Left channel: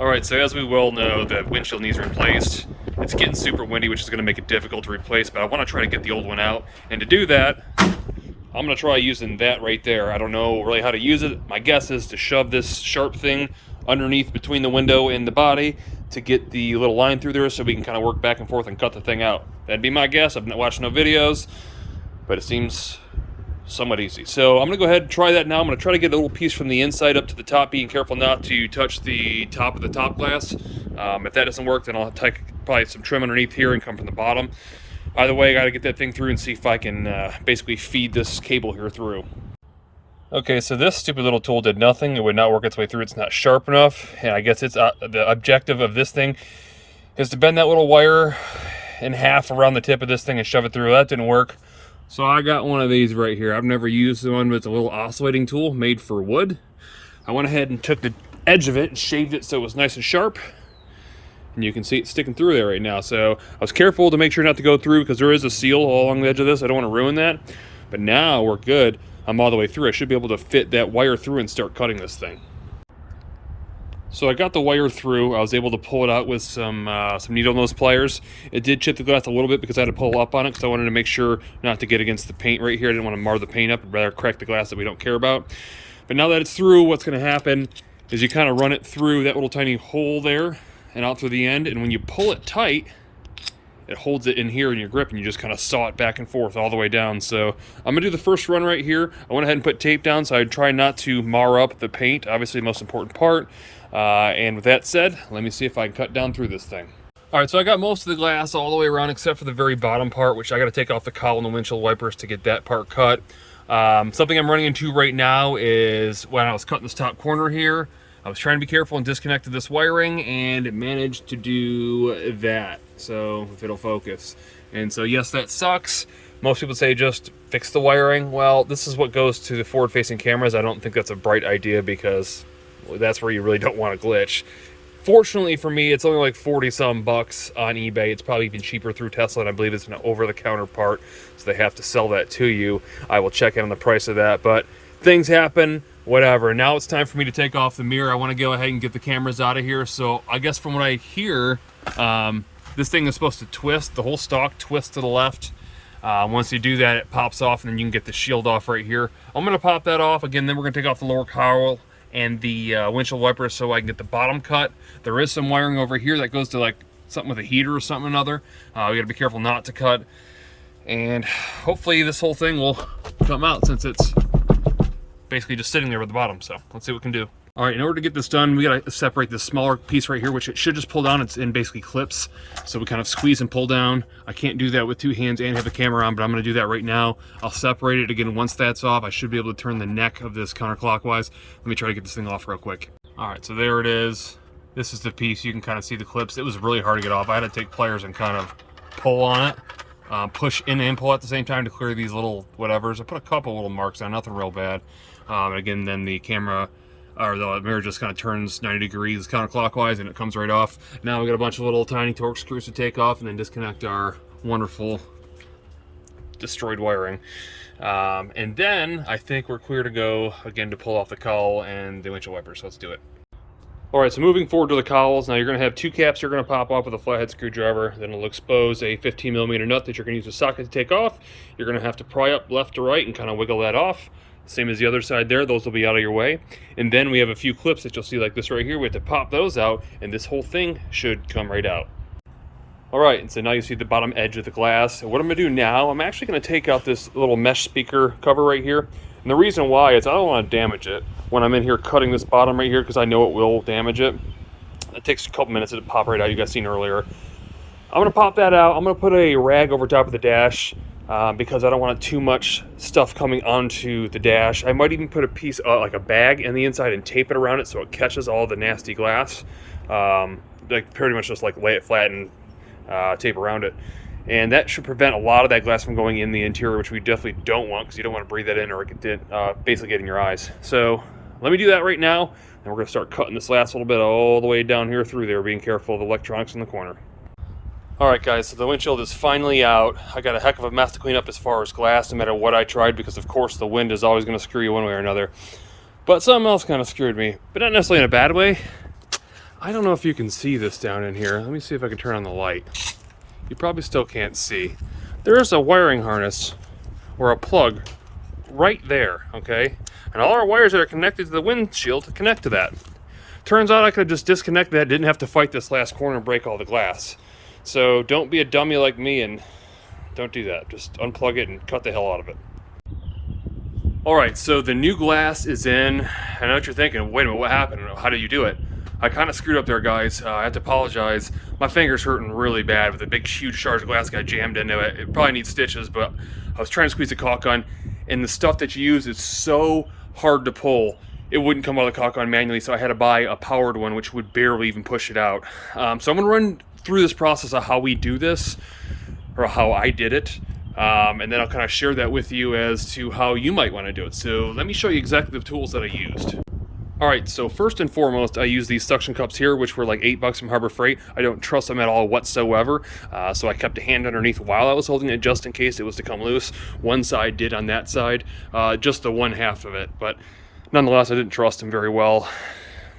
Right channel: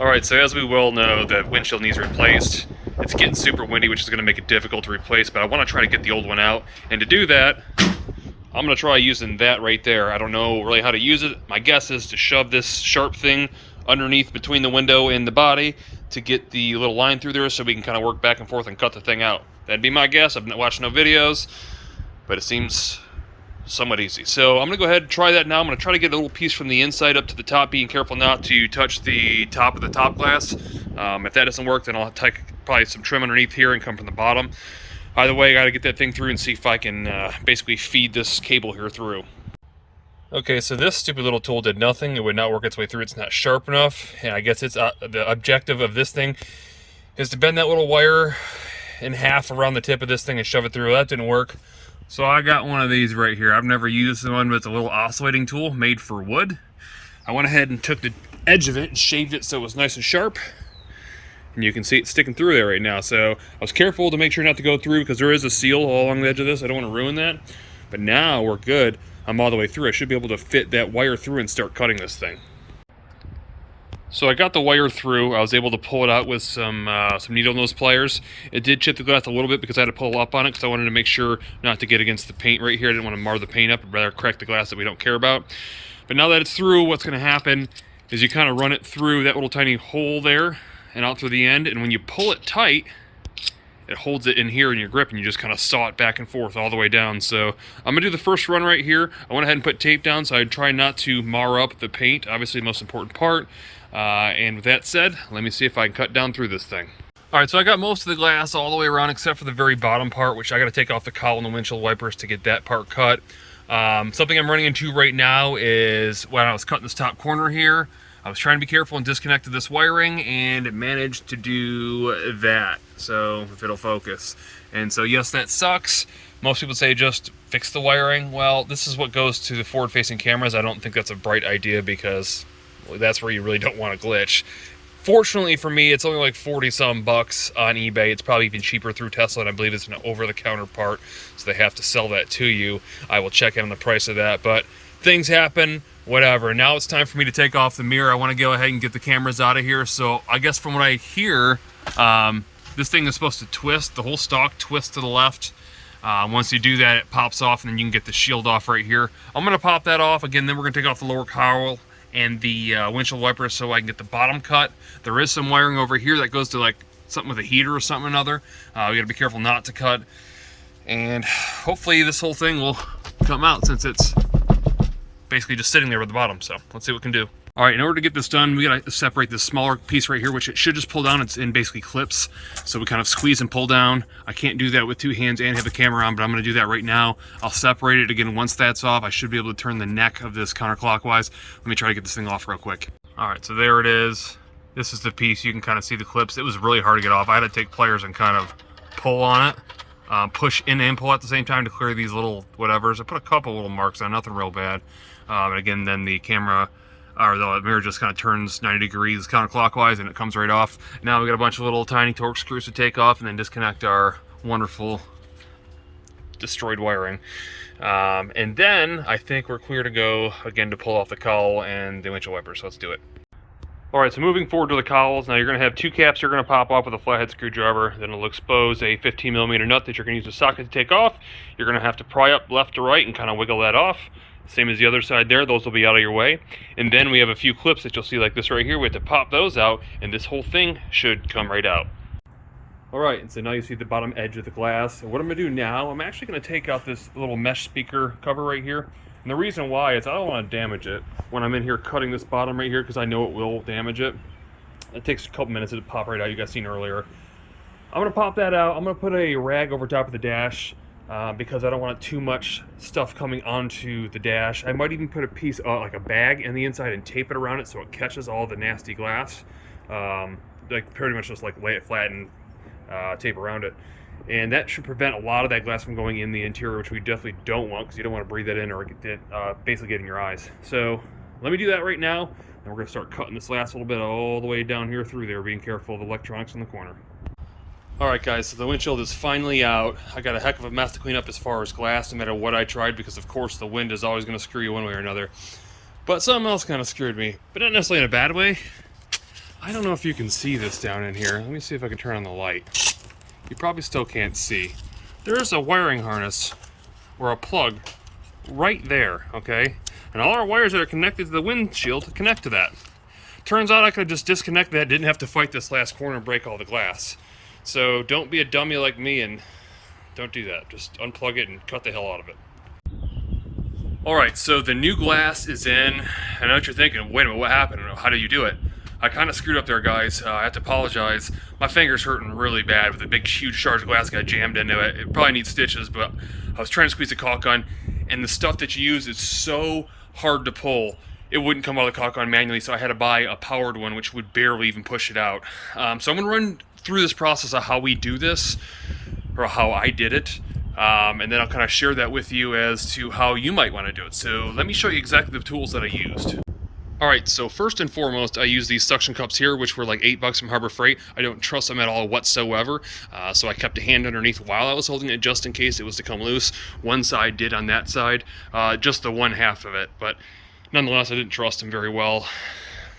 Alright, so as we well know, the windshield needs replaced. It's getting super windy, which is going to make it difficult to replace, but I want to try to get the old one out. And to do that, I'm going to try using that right there. I don't know really how to use it. My guess is to shove this sharp thing underneath between the window and the body to get the little line through there so we can kind of work back and forth and cut the thing out. That'd be my guess. I've not watched no videos, but it seems somewhat easy. So I'm going to go ahead and try that now. I'm going to try to get a little piece from the inside up to the top, being careful not to touch the top of the top glass. If that doesn't work, then I'll take probably some trim underneath here and come from the bottom. Either way, I got to get that thing through and see if I can basically feed this cable here through. Okay, so this stupid little tool did nothing. It would not work its way through. It's not sharp enough. And I guess it's the objective of this thing is to bend that little wire in half around the tip of this thing and shove it through. That didn't work. So I got one of these right here. I've never used one, but it's a little oscillating tool made for wood. I went ahead and took the edge of it and shaved it so it was nice and sharp. And you can see it sticking through there right now. So I was careful to make sure not to go through because there is a seal all along the edge of this. I don't want to ruin that. But now we're good. I'm all the way through. I should be able to fit that wire through and start cutting this thing. So I got the wire through. I was able to pull it out with some needle nose pliers. It did chip the glass a little bit because I had to pull up on it because I wanted to make sure not to get against the paint right here. I didn't want to mar the paint up. I'd rather crack the glass that we don't care about. But now that it's through, what's going to happen is you kind of run it through that little tiny hole there and out through the end. And when you pull it tight, it holds it in here in your grip and you just kind of saw it back and forth all the way down. So I'm going to do the first run right here. I went ahead and put tape down so I'd try not to mar up the paint. Obviously the most important part. And with that said, let me see if I can cut down through this thing. Alright, so I got most of the glass all the way around except for the very bottom part, which I got to take off the cowl and the windshield wipers to get that part cut. Something I'm running into right now is when I was cutting this top corner here, I was trying to be careful and disconnected this wiring and it managed to do that. So if it'll focus. And so yes, that sucks. Most people say just fix the wiring. Well, this is what goes to the forward-facing cameras. I don't think that's a bright idea because that's where you really don't want to glitch. Fortunately for me, it's only like 40-some bucks on eBay. It's probably even cheaper through Tesla, and I believe it's an over-the-counter part, so they have to sell that to you. I will check in on the price of that, but things happen, whatever. Now it's time for me to take off the mirror. I want to go ahead and get the cameras out of here. So I guess from what I hear, this thing is supposed to twist. The whole stock twists to the left. Once you do that, it pops off, and then you can get the shield off right here. I'm going to pop that off. Again, then we're going to take off the lower cowl and the windshield wipers so I can get the bottom cut. There is some wiring over here that goes to like something with a heater or something or another. We gotta be careful not to cut. And hopefully this whole thing will come out since it's basically just sitting there with the bottom. So let's see what we can do. All right, in order to get this done, we gotta separate this smaller piece right here, which it should just pull down. It's in basically clips. So we kind of squeeze and pull down. I can't do that with two hands and have the camera on, but I'm gonna do that right now. I'll separate it again. Once that's off, I should be able to turn the neck of this counterclockwise. Let me try to get this thing off real quick. All right, so there it is. This is the piece. You can kind of see the clips. It was really hard to get off. I had to take pliers and kind of pull on it. Push in and pull at the same time to clear these little whatevers. I put a couple little marks on, nothing real bad. Again, then the camera, or the mirror just kind of turns 90 degrees counterclockwise and it comes right off. Now we got a bunch of little tiny torque screws to take off and then disconnect our wonderful destroyed wiring. And then I think we're clear to go again to pull off the cowl and the windshield wipers. So let's do it. All right, so moving forward to the cowls, now you're going to have two caps you're going to pop off with a flathead screwdriver. Then it'll expose a 15mm nut that you're going to use a socket to take off. You're going to have to pry up left to right and kind of wiggle that off. Same as the other side there, those will be out of your way. And then we have a few clips that you'll see like this right here. We have to pop those out and this whole thing should come right out. All right, and so now you see the bottom edge of the glass. And what I'm going to do now, I'm actually going to take out this little mesh speaker cover right here. And the reason why is I don't want to damage it when I'm in here cutting this bottom right here because I know it will damage it. It takes a couple minutes to pop right out. You guys seen earlier. I'm going to pop that out. I'm going to put a rag over top of the dash because I don't want too much stuff coming onto the dash. I might even put a piece, like a bag in the inside and tape it around it so it catches all the nasty glass. Like pretty much just like lay it flat and tape around it. And that should prevent a lot of that glass from going in the interior, which we definitely don't want because you don't want to breathe that in or basically get in your eyes. So let me do that right now, and we're going to start cutting this last little bit all the way down here through there, being careful of the electronics in the corner. All right, guys, so the windshield is finally out. I got a heck of a mess to clean up as far as glass, no matter what I tried, because of course the wind is always going to screw you one way or another. But something else kind of screwed me, but not necessarily in a bad way. I don't know if you can see this down in here. Let me see if I can turn on the light. You probably still can't see. There's a wiring harness or a plug right there, okay? And all our wires that are connected to the windshield connect to that. Turns out I could just disconnect that, didn't have to fight this last corner and break all the glass. So don't be a dummy like me and don't do that. Just unplug it and cut the hell out of it. Alright, so the new glass is in. I know what you're thinking, wait a minute, what happened? How did you do it? I kind of screwed up there, guys. I have to apologize. My finger's hurting really bad with a big, huge shard of glass got jammed into it. It probably needs stitches, but I was trying to squeeze the caulk gun, and the stuff that you use is so hard to pull. It wouldn't come out of the caulk gun manually, so I had to buy a powered one, which would barely even push it out. So I'm going to run through this process of how we do this, or how I did it. And then I'll kind of share that with you as to how you might want to do it. So let me show you exactly the tools that I used. Alright, so first and foremost, I use these suction cups here, which were like $8 from Harbor Freight. I don't trust them at all whatsoever, so I kept a hand underneath while I was holding it just in case it was to come loose. One side did on that side, just the one half of it, but nonetheless, I didn't trust them very well.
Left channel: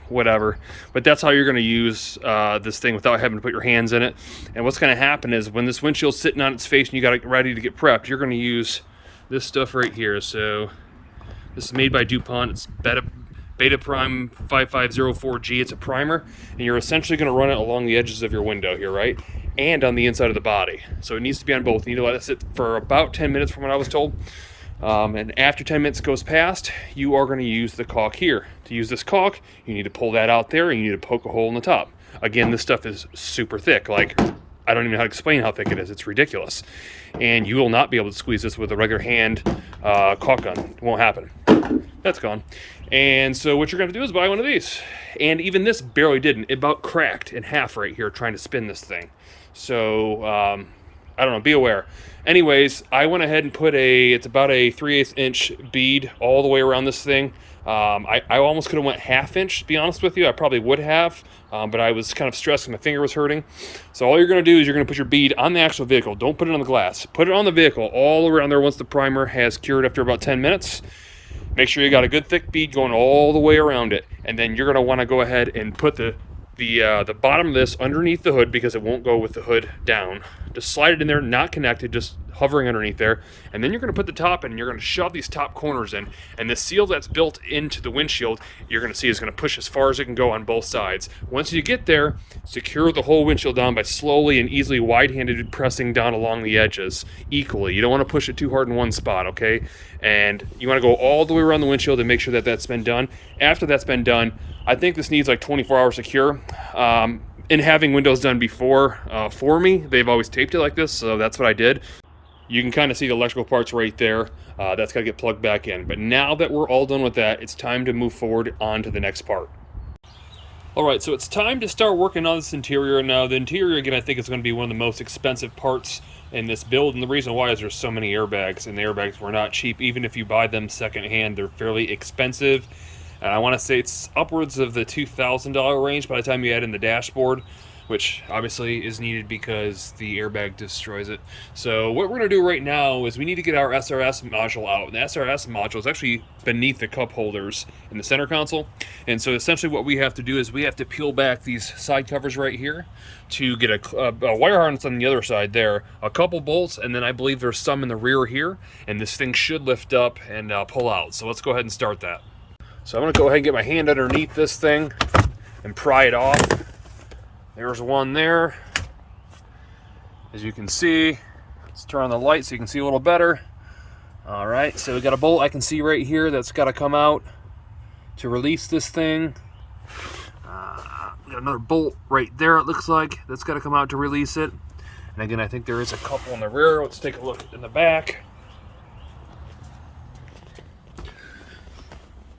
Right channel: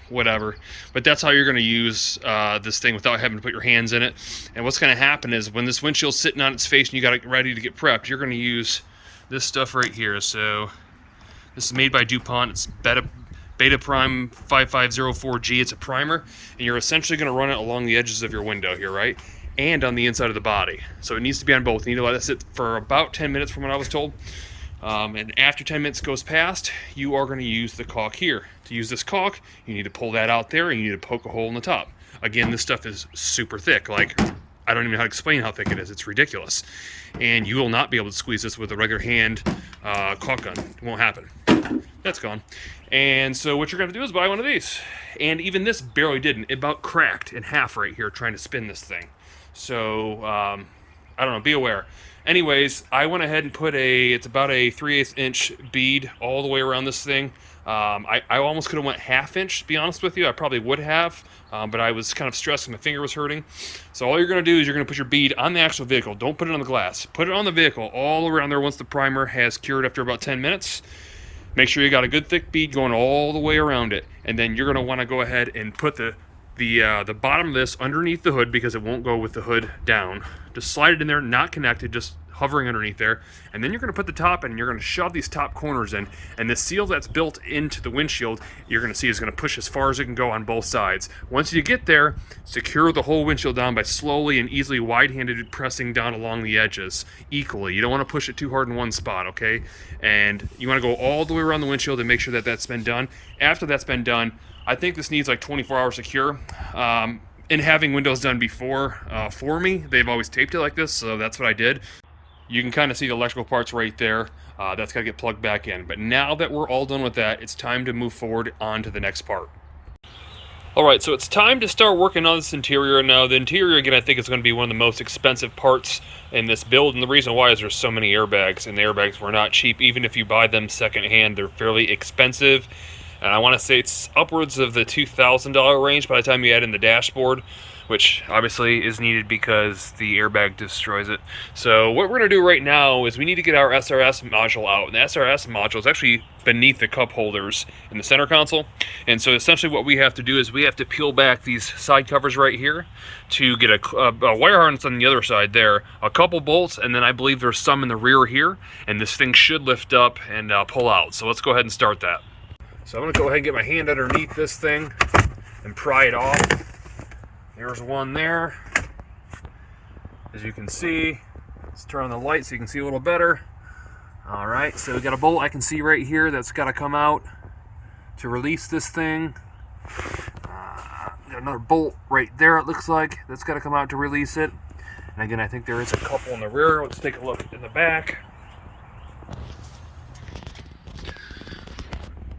Whatever. But that's how you're going to use this thing without having to put your hands in it. And what's going to happen is when this windshield's sitting on its face and you got it ready to get prepped, you're going to use this stuff right here. So this is made by DuPont. It's Beta Prime 5504G. It's a primer, and you're essentially going to run it along the edges of your window here, right? And on the inside of the body. So it needs to be on both. You need to let it sit for about 10 minutes from what I was told. And after 10 minutes goes past, you are going to use the caulk here. To use this caulk, you need to pull that out there, and you need to poke a hole in the top. Again, this stuff is super thick. Like, I don't even know how to explain how thick it is. It's ridiculous. And you will not be able to squeeze this with a regular hand caulk gun. It won't happen. That's gone. And so what you're going to do is buy one of these. And even this barely didn't. It about cracked in half right here trying to spin this thing. So, I don't know. Be aware. Anyways, I went ahead and put it's about a 3/8 inch bead all the way around this thing. I almost could have went 1/2 inch, to be honest with you. I probably would have, but I was kind of stressed because my finger was hurting. So all you're going to do is you're going to put your bead on the actual vehicle. Don't put it on the glass. Put it on the vehicle all around there once the primer has cured after about 10 minutes. Make sure you got a good thick bead going all the way around it. And then you're going to want to go ahead and put the bottom of this underneath the hood because it won't go with the hood down. Just slide it in there, not connected, just hovering underneath there. And then you're going to put the top in, and you're going to shove these top corners in. And the seal that's built into the windshield, you're going to see is going to push as far as it can go on both sides. Once you get there, secure the whole windshield down by slowly and easily wide-handed pressing down along the edges equally. You don't want to push it too hard in one spot, okay? And you want to go all the way around the windshield and make sure that that's been done. After that's been done, I think this needs like 24 hours to cure. In having windows done before for me, they've always taped it like this, so that's what I did. You can kind of see the electrical parts right there. That's got to get plugged back in. But now that we're all done with that, it's time to move forward on to the next part. All right, so it's time to start working on this interior. Now, the interior, again, I think is going to be one of the most expensive parts in this build, and the reason why is there's so many airbags, and the airbags were not cheap. Even if you buy them secondhand, they're fairly expensive. And I want to say it's upwards of the $2,000 range by the time you add in the dashboard, which obviously is needed because the airbag destroys it. So what we're going to do right now is we need to get our SRS module out. And the SRS module is actually beneath the cup holders in the center console. And so essentially what we have to do is we have to peel back these side covers right here to get a wire harness on the other side there, a couple bolts, and then I believe there's some in the rear here. And this thing should lift up and pull out. So let's go ahead and start that. So I'm going to go ahead and get my hand underneath this thing and pry it off. There's one there. As you can see, let's turn on the light so you can see a little better. All right, so we got a bolt I can see right here that's got to come out to release this thing. Got another bolt right there, it looks like, that's got to come out to release it. And again, I think there is a couple in the rear. Let's take a look in the back.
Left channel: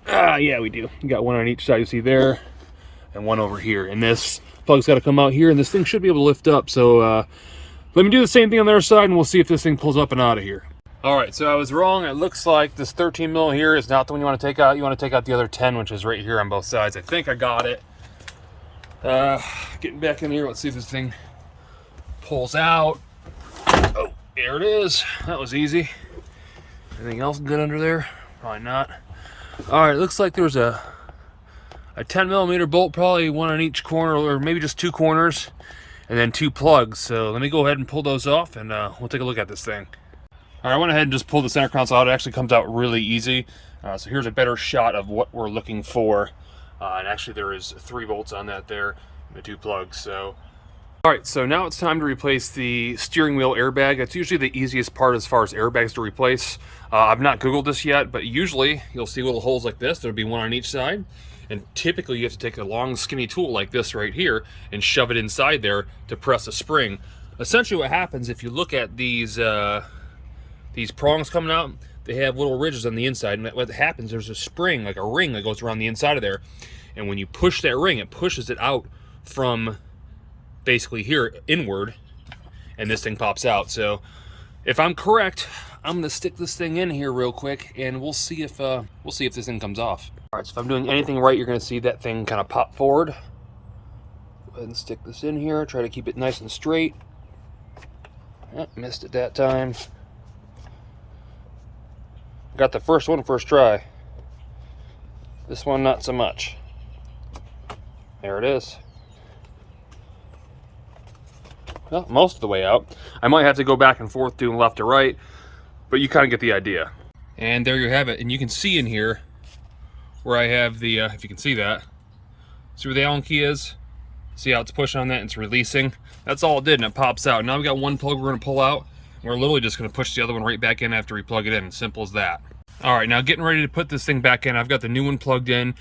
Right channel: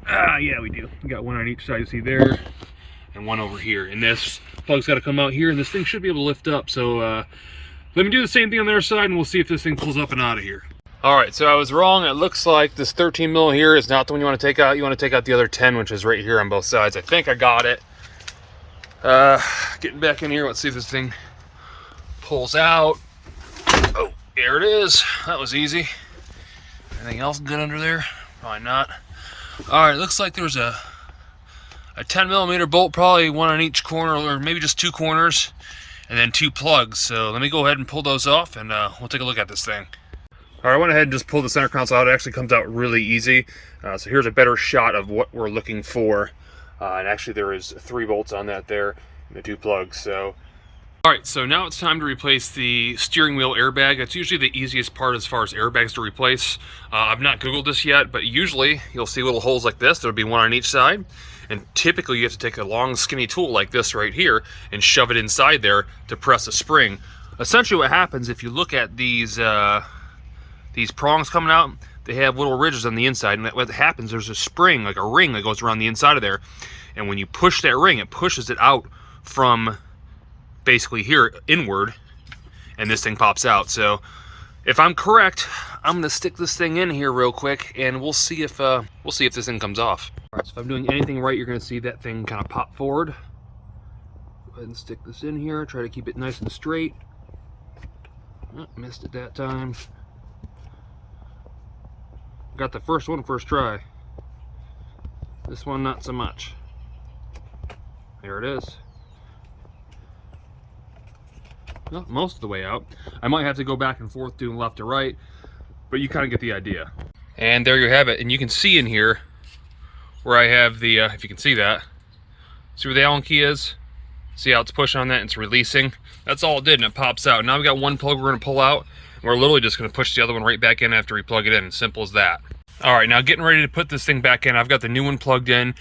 Yeah, we do. We got one on each side, you see there, and one over here. And this plug's got to come out here, and this thing should be able to lift up. So let me do the same thing on the other side, and we'll see if this thing pulls up and out of here. All right, so I was wrong. It looks like this 13 mil here is not the one you want to take out. You want to take out the other 10, which is right here on both sides. I think I got it. Getting back in here, let's see if this thing pulls out. Oh, there it is. That was easy. Anything else good under there? Probably not. All right, looks like there's a a 10mm bolt, probably one on each corner, or maybe just 2 corners, and then 2 plugs. So let me go ahead and pull those off, and we'll take a look at this thing. All right, I went ahead and just pulled the center console out. It actually comes out really easy. So here's a better shot of what we're looking for. And actually there is 3 bolts on that there, and the 2 plugs. So, all right, so now it's time to replace the steering wheel airbag. That's usually the easiest part as far as airbags to replace. I've not Googled this yet, but usually you'll see little holes like this. There'll be one on each side. And typically you have to take a long skinny tool like this right here and shove it inside there to press a spring. Essentially what happens, if you look at these prongs coming out, they have little ridges on the inside, and what happens, there's a spring, like a ring that goes around the inside of there. And when you push that ring, it pushes it out from basically here inward, and this thing pops out. So if I'm correct, I'm gonna stick this thing in here real quick, and we'll see if this thing comes off. All right, so if I'm doing anything right, you're gonna see that thing kind of pop forward. Go ahead and stick this in here. Try to keep it nice and straight. Oh, missed it that time. Got the first one first try. This one not so much. There it is. Well, most of the way out. I might have to go back and forth doing left to right, but you kind of get the idea. And there you have it. And you can see in here where I have the, if you can see that, see where the Allen key is? See how it's pushing on that and it's releasing? That's all it did, and it pops out. Now we got one plug we're gonna pull out, and we're literally just gonna push the other one right back in after we plug it in. Simple as that. All right, now getting ready to put this thing back in. I've got the new one plugged in.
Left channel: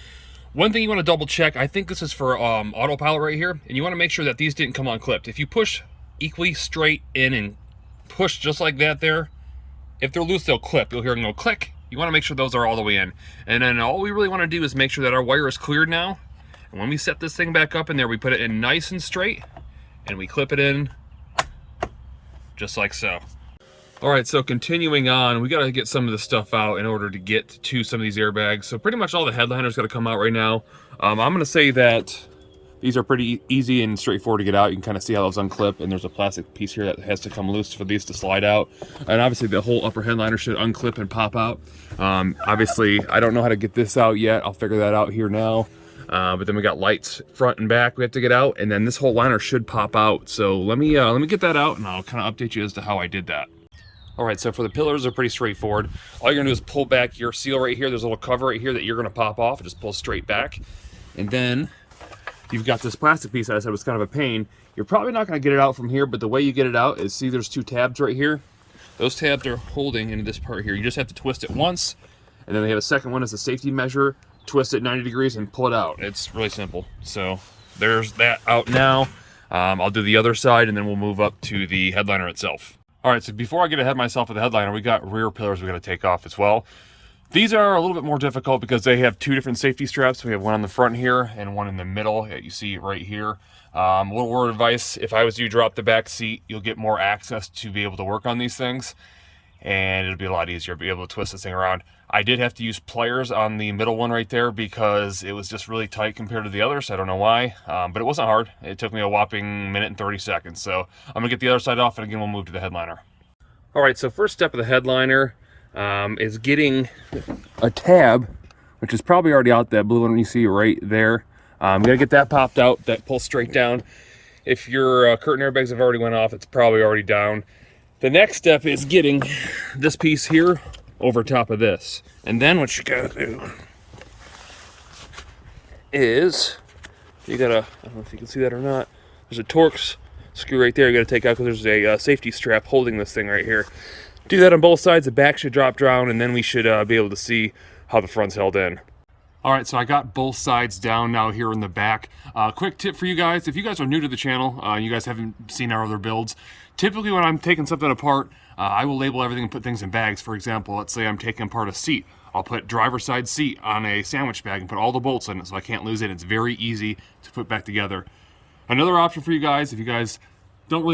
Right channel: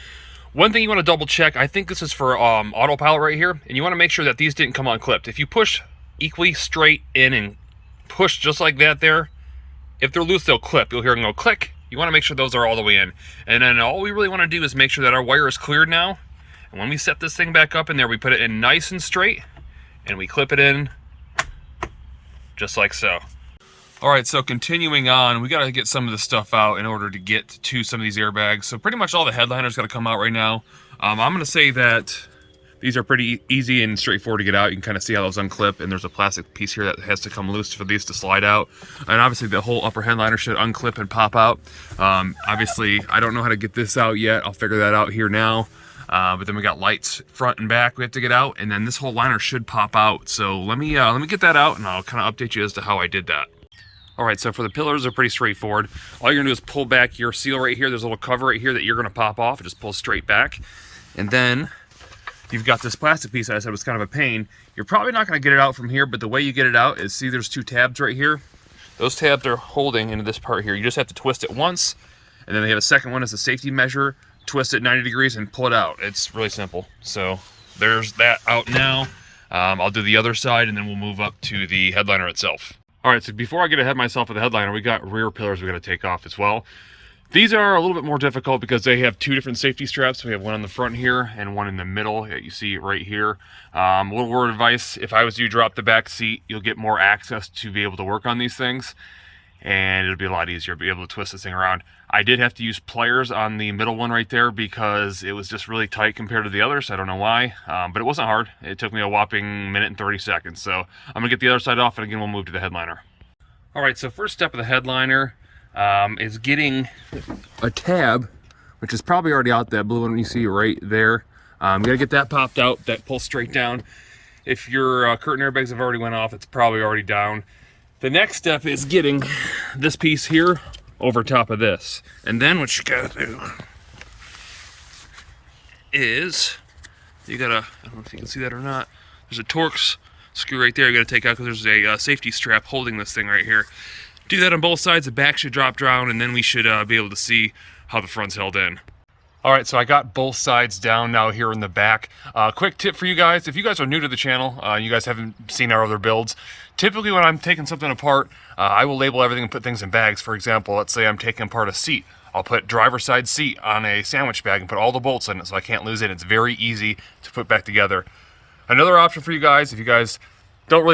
One thing you wanna double check, I think this is for autopilot right here, and you wanna make sure that these didn't come unclipped. If you push equally straight in and push just like that there, if they're loose, they'll clip. You'll hear them go click. You wanna make sure those are all the way in. And then all we really wanna do is make sure that our wire is cleared now. And when we set this thing back up in there, we put it in nice and straight, and we clip it in just like so. All right, so continuing on, we gotta get some of this stuff out in order to get to some of these airbags. So pretty much all the headliners gotta come out right now. I'm gonna say that these are pretty easy and straightforward to get out. You can kind of see how those unclip, and there's a plastic piece here that has to come loose for these to slide out. And obviously the whole upper headliner should unclip and pop out. Obviously, I don't know how to get this out yet. I'll figure that out here now. But then we got lights front and back we have to get out, and then this whole liner should pop out. So let me get that out, and I'll kind of update you as to how I did that. All right, so for the pillars, they're pretty straightforward. All you're gonna do is pull back your seal right here. There's a little cover right here that you're gonna pop off. It just pulls straight back. And then you've got this plastic piece that I said was kind of a pain. You're probably not gonna get it out from here, but the way you get it out is, see there's 2 tabs right here? Those tabs are holding into this part here. You just have to twist it once, and then they have a second one as a safety measure. Twist it 90 degrees and pull it out. It's really simple. So there's that out now. I'll do the other side, and then we'll move up to the headliner itself. All right, so before I get ahead of myself with the headliner, we got rear pillars we got to take off as well. These are a little bit more difficult because they have 2 different safety straps. We have one on the front here and one in the middle. You see it right here. A little word of advice: if I was you, drop the back seat. You'll get more access to be able to work on these things, and it'll be a lot easier to be able to twist this thing around. I did have to use pliers on the middle one right there because it was just really tight compared to the others. I don't know why, but it wasn't hard. It took me a whopping minute and 30 seconds. So I'm gonna get the other side off, and again, we'll move to the headliner. All right, so first step of the headliner is getting a tab, which is probably already out, that blue one you see right there. You gotta get that popped out, that pulls straight down. If your curtain airbags have already went off, it's probably already down. The next step is getting this piece here over top of this. And then what you gotta do is, you gotta, I don't know if you can see that or not, there's a Torx screw right there you gotta take out because there's a safety strap holding this thing right here. Do that on both sides, the back should drop down, and then we should be able to see how the front's held in. All right, so I got both sides down now here in the back. Quick tip for you guys: if you guys are new to the channel, you guys haven't seen our other builds, typically when I'm taking something apart, I will label everything and put things in bags. For example, let's say I'm taking apart a seat. I'll put driver's side seat on a sandwich bag and put all the bolts in it so I can't lose it. It's very easy to put back together. Another option for you guys, if you guys don't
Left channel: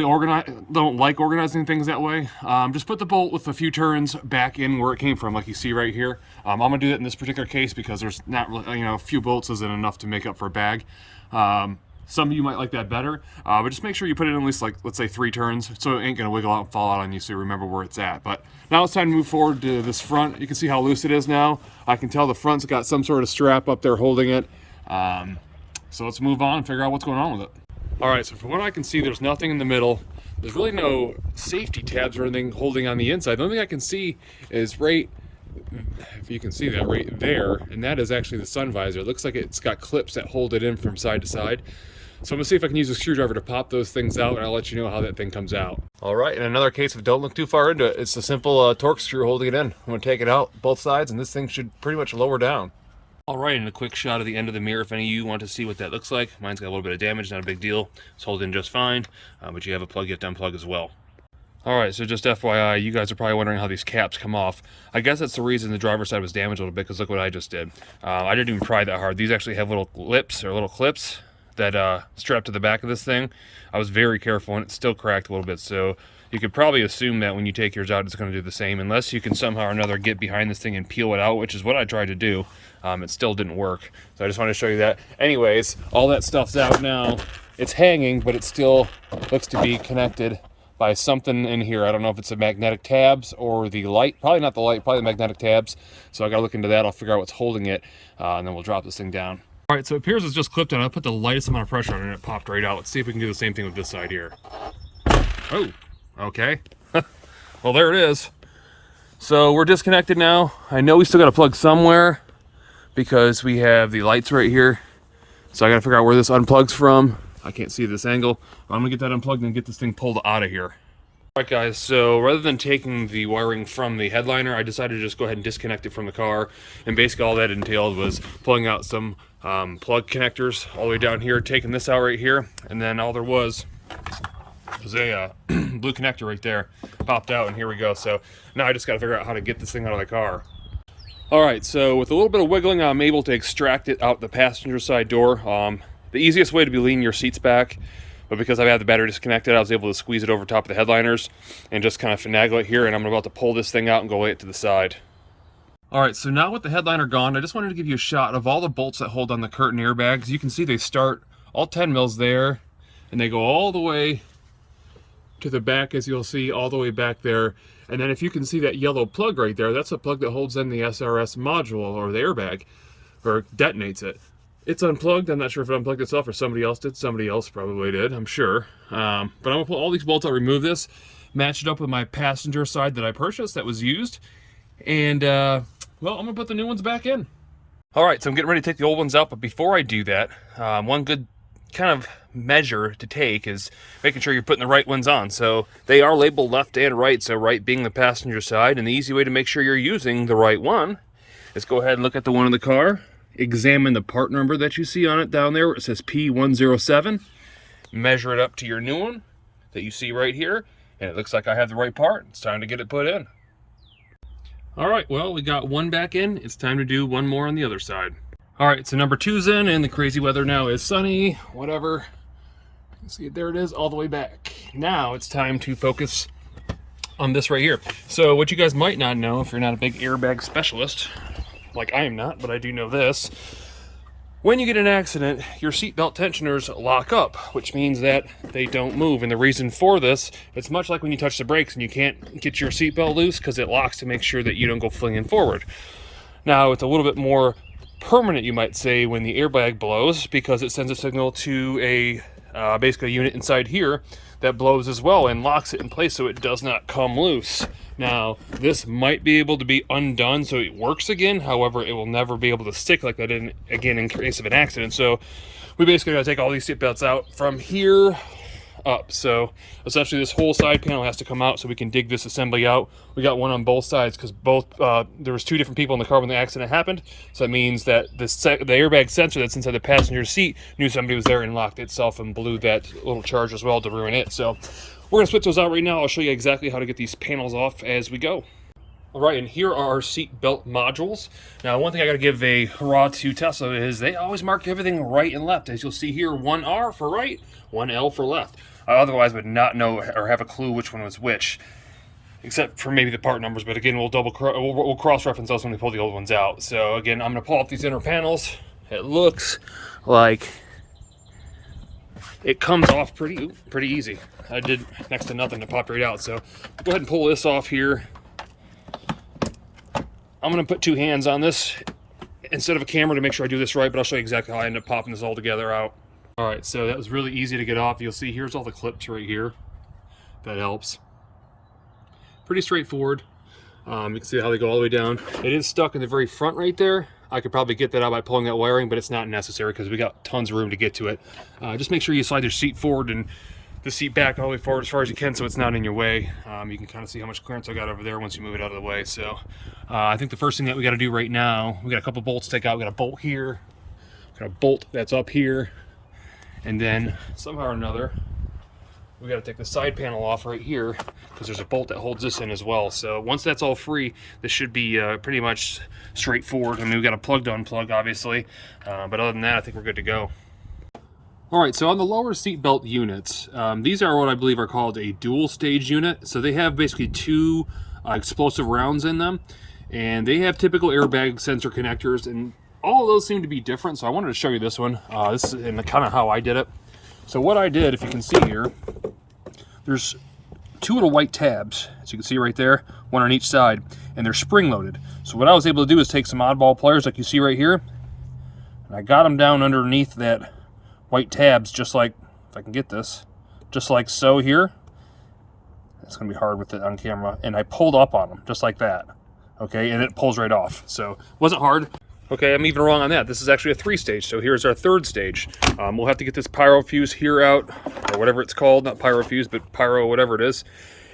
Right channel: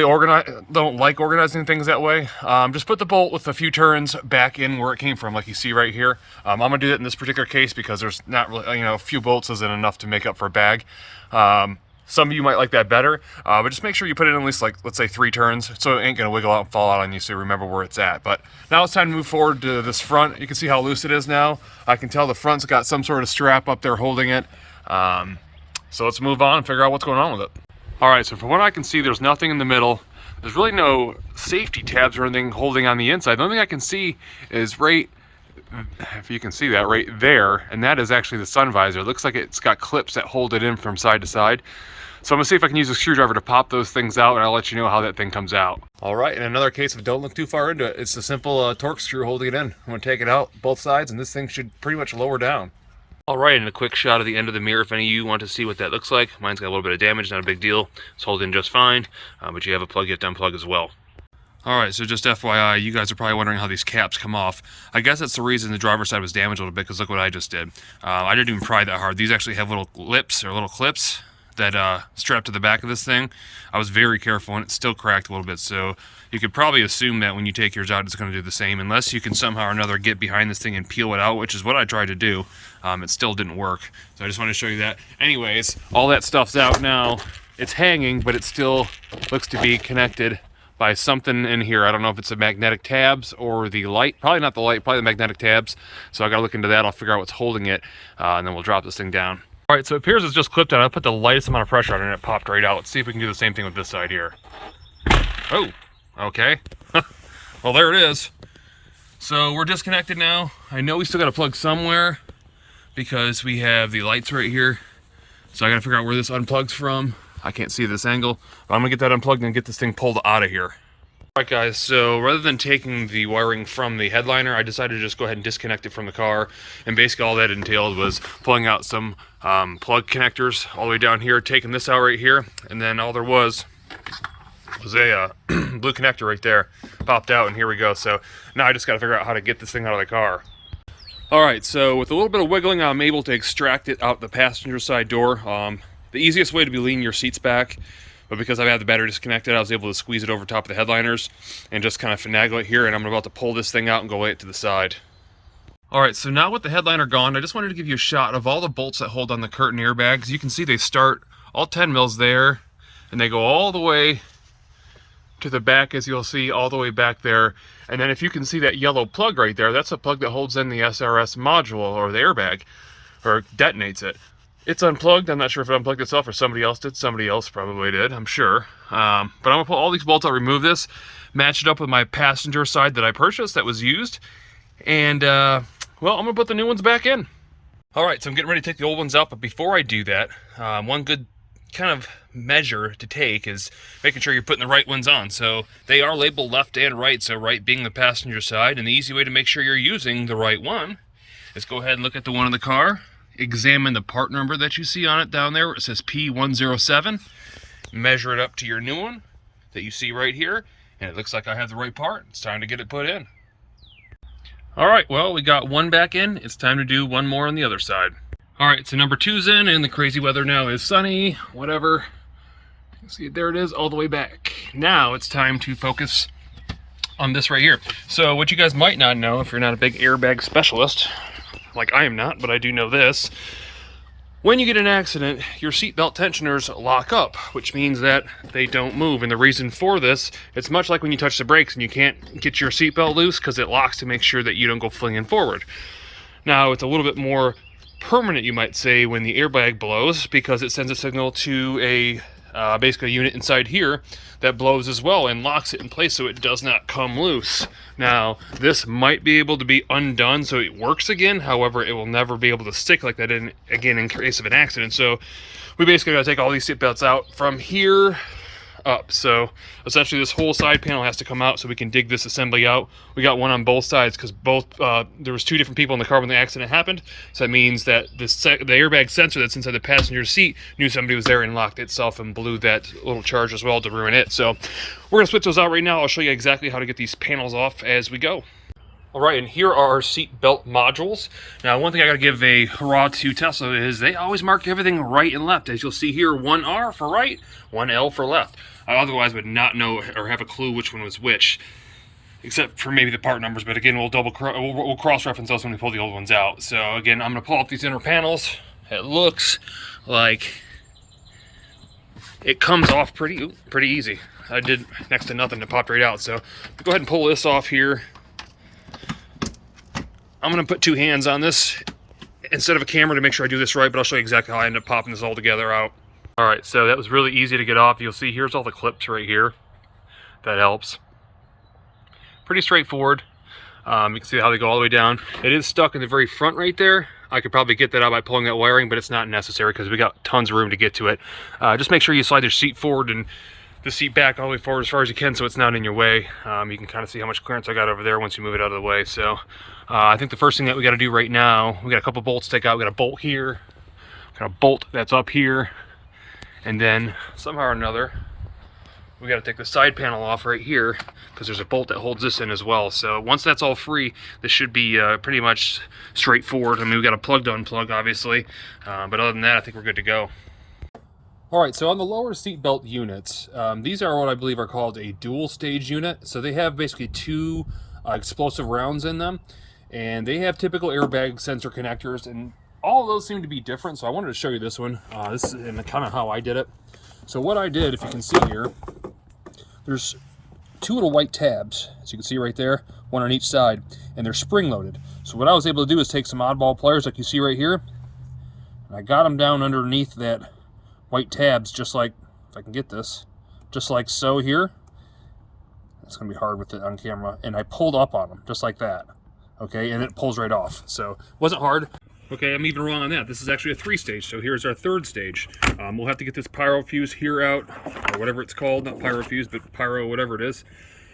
like organizing things that way, just put the bolt with a few turns back in where it came from, like you see right here. I'm gonna do that in this particular case because there's not really, a few bolts isn't enough to make up for a bag. Some of you might like that better, but just make sure you put it in at least, like, let's say 3 turns, so it ain't gonna wiggle out and fall out on you, so you remember where it's at. But now it's time to move forward to this front. You can see how loose it is now. I can tell the front's got some sort of strap up there holding it. So let's move on and figure out what's going on with it. All right, so from what I can see, there's nothing in the middle. There's really no safety tabs or anything holding on the inside. The only thing I can see is right, if you can see that right there, and that is actually the sun visor. It looks like it's got clips that hold it in from side to side. So I'm gonna see if I can use a screwdriver to pop those things out, and I'll let you know how that thing comes out. All right, in another case of don't look too far into it, it's a simple torque screw holding it in. I'm gonna take it out both sides, and this thing should pretty much lower down. All right, and a quick shot of the end of the mirror if any of you want to see what that looks like. Mine's got a little bit of damage, not a big deal. It's holding just fine, but you have a plug yet to unplug as well. All right, so just FYI, you guys are probably wondering how these caps come off. I guess that's the reason the driver's side was damaged a little bit, because look what I just did. I didn't even pry that hard. These actually have little lips or little clips that strap to the back of this thing. I was very careful, and it still cracked a little bit, so you could probably assume that when you take yours out, it's going to do the same, unless you can somehow or another get behind this thing and peel it out, which is what I tried to do. It still didn't work, so I just wanted to show you that. Anyways, all that stuff's out now. It's hanging, but it still looks to be connected by something in here. I don't know if it's the magnetic tabs or the light. Probably not the light, probably the magnetic tabs. So I gotta look into that. I'll figure out what's holding it, and then we'll drop this thing down. All right, so it appears it's just clipped on. I put the lightest amount of pressure on it and it popped right out. Let's see if we can do the same thing with this side here. Oh, okay. Well, there it is. So we're disconnected now. I know we still gotta plug somewhere because we have the lights right here. So I gotta figure out where this unplugs from. I can't see this angle, but I'm gonna get that unplugged and get this thing pulled out of here. All right, guys, so rather than taking the wiring from the headliner, I decided to just go ahead and disconnect it from the car. And basically all that entailed was pulling out some plug connectors all the way down here, taking this out right here, and then all there was a blue connector right there. Popped out, and here we go. So now I just gotta figure out how to get this thing out of the car. All right, so with a little bit of wiggling, I'm able to extract it out the passenger side door. The easiest way to be leaning your seats back, but because I've had the battery disconnected, I was able to squeeze it over top of the headliners and just kind of finagle it here, and I'm about to pull this thing out and go lay it to the side. All right, so now with the headliner gone, I just wanted to give you a shot of all the bolts that hold on the curtain airbags. You can see they start all 10 mils there, and they go all the way to the back, as you'll see, all the way back there. And then if you can see that yellow plug right there, that's a plug that holds in the SRS module or the airbag, or detonates it. It's unplugged. I'm not sure if it unplugged itself or somebody else did. Somebody else probably did, I'm sure. But I'm gonna pull all these bolts out, remove this, match it up with my passenger side that I purchased that was used, and well, I'm gonna put the new ones back in. All right, so I'm getting ready to take the old ones out, but before I do that, one good kind of measure to take is making sure you're putting the right ones on. So they are labeled left and right, so right being the passenger side, and the easy way to make sure you're using the right one is go ahead and look at the one in the car, examine the part number that you see on it down there. It says P107. Measure it up to your new one that you see right here, and it looks like I have the right part. It's time to get it put in. All right, well, we got one back in. It's time to do one more on the other side. All right, so number 2's in, and the crazy weather now is sunny, whatever. You can see it, there it is, all the way back. Now it's time to focus on this right here. So what you guys might not know, if you're not a big airbag specialist, like I am not, but I do know this. When you get in an accident, your seatbelt tensioners lock up, which means that they don't move. And the reason for this, it's much like when you touch the brakes and you can't get your seatbelt loose because it locks to make sure that you don't go flinging forward. Now, it's a little bit more permanent, you might say, when the airbag blows, because it sends a signal to a basically a unit inside here that blows as well and locks it in place so it does not come loose. Now, this might be able to be undone so it works again. However, it will never be able to stick like that again in case of an accident. So we basically got to take all these seatbelts out from here up. So essentially this whole side panel has to come out so we can dig this assembly out. We got one on both sides because both there was 2 different people in the car when the accident happened. So that means that the airbag sensor that's inside the passenger seat knew somebody was there and locked itself and blew that little charge as well to ruin it. So we're gonna switch those out right now. I'll show you exactly how to get these panels off as we go. All right, and here are our seat belt modules. Now, one thing I gotta give a hurrah to Tesla is they always mark everything right and left. As you'll see here, 1 R for right, 1 L for left. I otherwise would not know or have a clue which one was which, except for maybe the part numbers. But again, we'll cross-reference those when we pull the old ones out. So again, I'm gonna pull up these inner panels. It looks like it comes off pretty easy. I did next to nothing to pop right out. So go ahead and pull this off here. I'm gonna put 2 hands on this instead of a camera to make sure I do this right, but I'll show you exactly how I end up popping this all together out. All right, so that was really easy to get off. You'll see here's all the clips right here. That helps. Pretty straightforward. You can see how they go all the way down. It is stuck in the very front right there. I could probably get that out by pulling that wiring, but it's not necessary because we got tons of room to get to it. Just make sure you slide your seat forward and the seat back all the way forward as far as you can so it's not in your way. You can kind of see how much clearance I got over there once you move it out of the way. So I think the first thing that we got to do right now, we got a couple bolts to take out. We got a bolt here, got a bolt that's up here, and then somehow or another we got to take the side panel off right here because there's a bolt that holds this in as well. So once that's all free, this should be pretty much straightforward. I mean, we got a plug to unplug, obviously, but other than that, I think we're good to go. All right, so on the lower seat belt units, these are what I believe are called a dual stage unit. So they have basically two explosive rounds in them, and they have typical airbag sensor connectors, and all of those seem to be different. So I wanted to show you this one. This is kind of how I did it. So what I did, if you can see here, there's two little white tabs, as you can see right there, one on each side, and they're spring loaded. So what I was able to do is take some oddball pliers like you see right here, and I got them down underneath that white tabs, just like, if I can get this, just like so here. It's gonna be hard with it on camera. And I pulled up on them, just like that. Okay, and it pulls right off. So it wasn't hard. Okay, I'm even wrong on that. This is actually a 3-stage, so here's our 3rd stage. We'll have to get this pyro fuse here out, or whatever it's called, not pyro fuse, but pyro, whatever it is.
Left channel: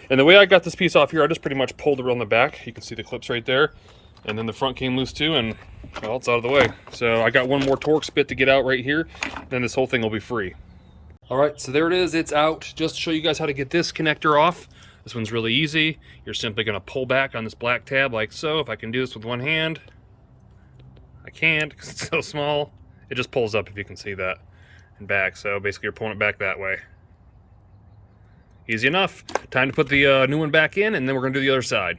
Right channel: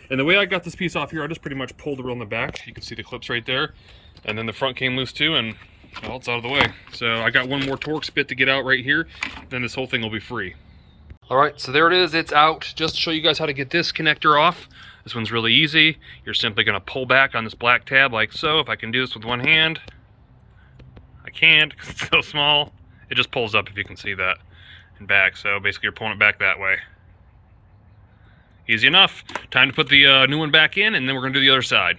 And the way I got this piece off here, I just pretty much pulled the reel in the back. You can see the clips right there. And then the front came loose too, and well, it's out of the way. So I got one more Torx bit to get out right here, then this whole thing will be free. All right, so there it is, it's out. Just to show you guys how to get this connector off. This one's really easy. You're simply gonna pull back on this black tab like so. If I can do this with one hand, I can't because it's so small. It just pulls up, if you can see that, and back. So basically you're pulling it back that way. Easy enough. Time to put the new one back in, and then we're gonna do the other side.